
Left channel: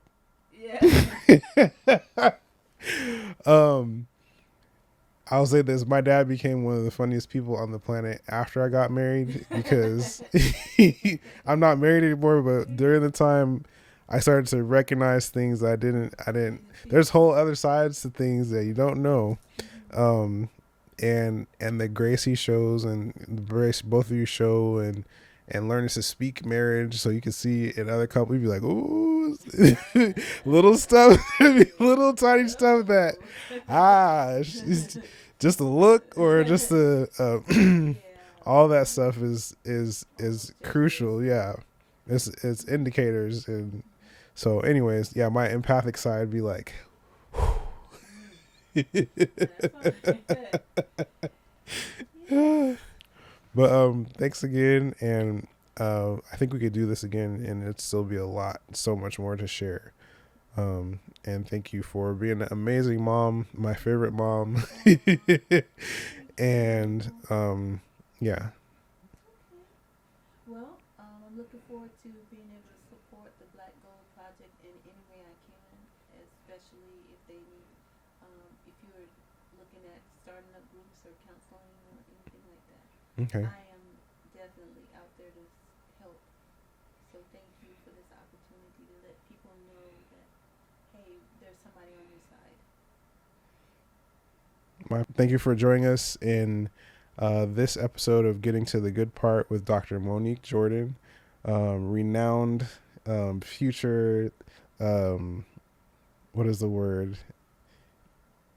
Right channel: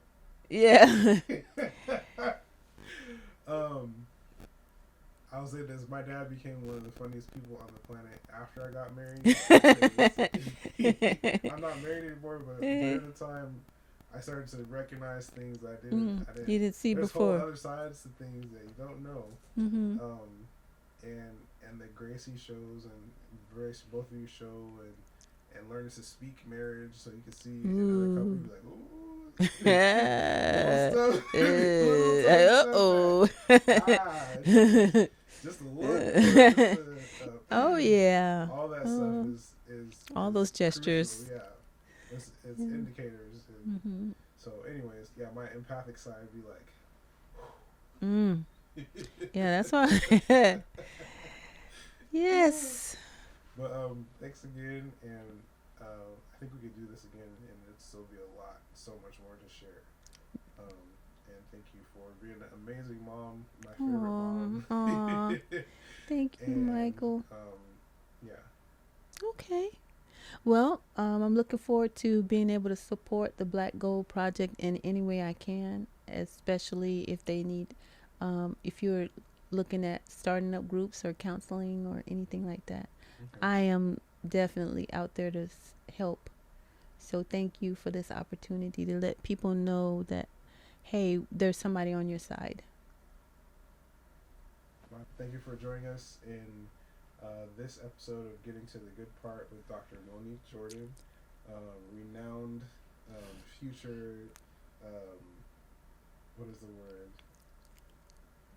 I'll say this: my dad became one of the funniest people on the planet after I got married, because I'm not married anymore. But during the time, I started to recognize things I didn't see. There's before. Whole other sides to things that you don't know, and the grace he shows, and the grace both of you show, and learning to speak marriage, so you can see in other couples, you'd be like, ooh, little stuff, little tiny stuff that, just a look or just a, all that stuff is crucial. Yeah. It's indicators. And so anyways, yeah, my empathic side would be like, yeah, that's why. Yes. But thanks again, and I think we could do this again, and it'd still be so much more to share. And thank you for being an amazing mom, my favorite mom. Thank you, and Michael. Yeah. Okay. Well, I'm looking forward to being able to support the Black Gold Project in any way I can, especially if they need, if you're looking at starting up groups or counseling or anything like that. Okay. I am definitely out there to help. So thank you for this opportunity to let people know that, hey, there's somebody on your side. Thank you for joining us in this episode of Getting to the Good Part with Dr. Monique Jordan, renowned future, what is the word?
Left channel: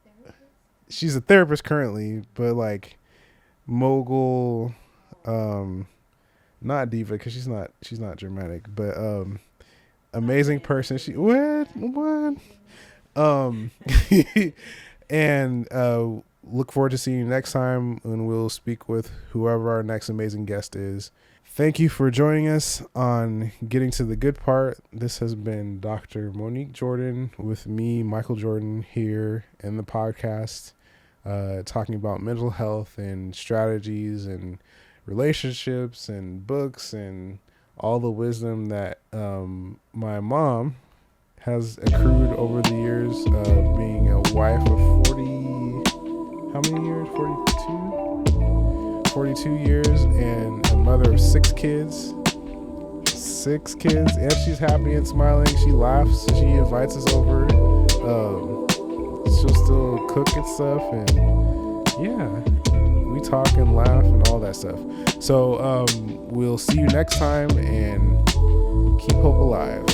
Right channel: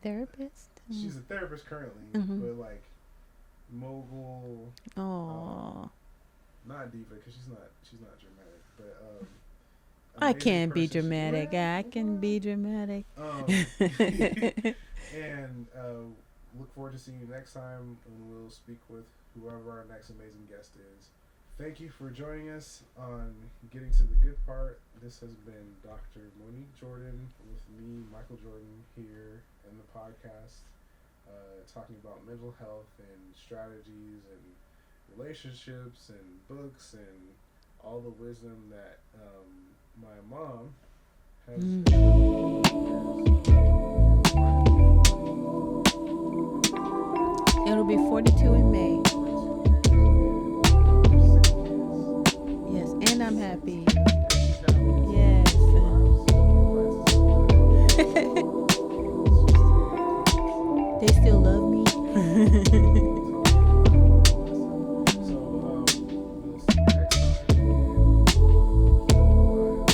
Therapist? She's a therapist currently, but like mogul, not diva, because she's not dramatic, but amazing person. I can be dramatic. And look forward to seeing you next time, and we'll speak with whoever our next amazing guest is. Thank you for joining us on Getting to the Good Part. This has been Dr. Monique Jordan with me, Michael Jordan, here in the podcast, talking about mental health and strategies and relationships and books and all the wisdom that my mom has accrued over the years, being a wife of 40, how many years? 42? It'll be 42 in May. 42 years, and a mother of 6 kids. Yes, and I'm 6 happy. kids, and she's happy and smiling. She laughs. She invites us over. She'll still cook and stuff. And they still love me. Yeah, we talk and laugh and all that stuff. So we'll see you next time, and keep hope alive.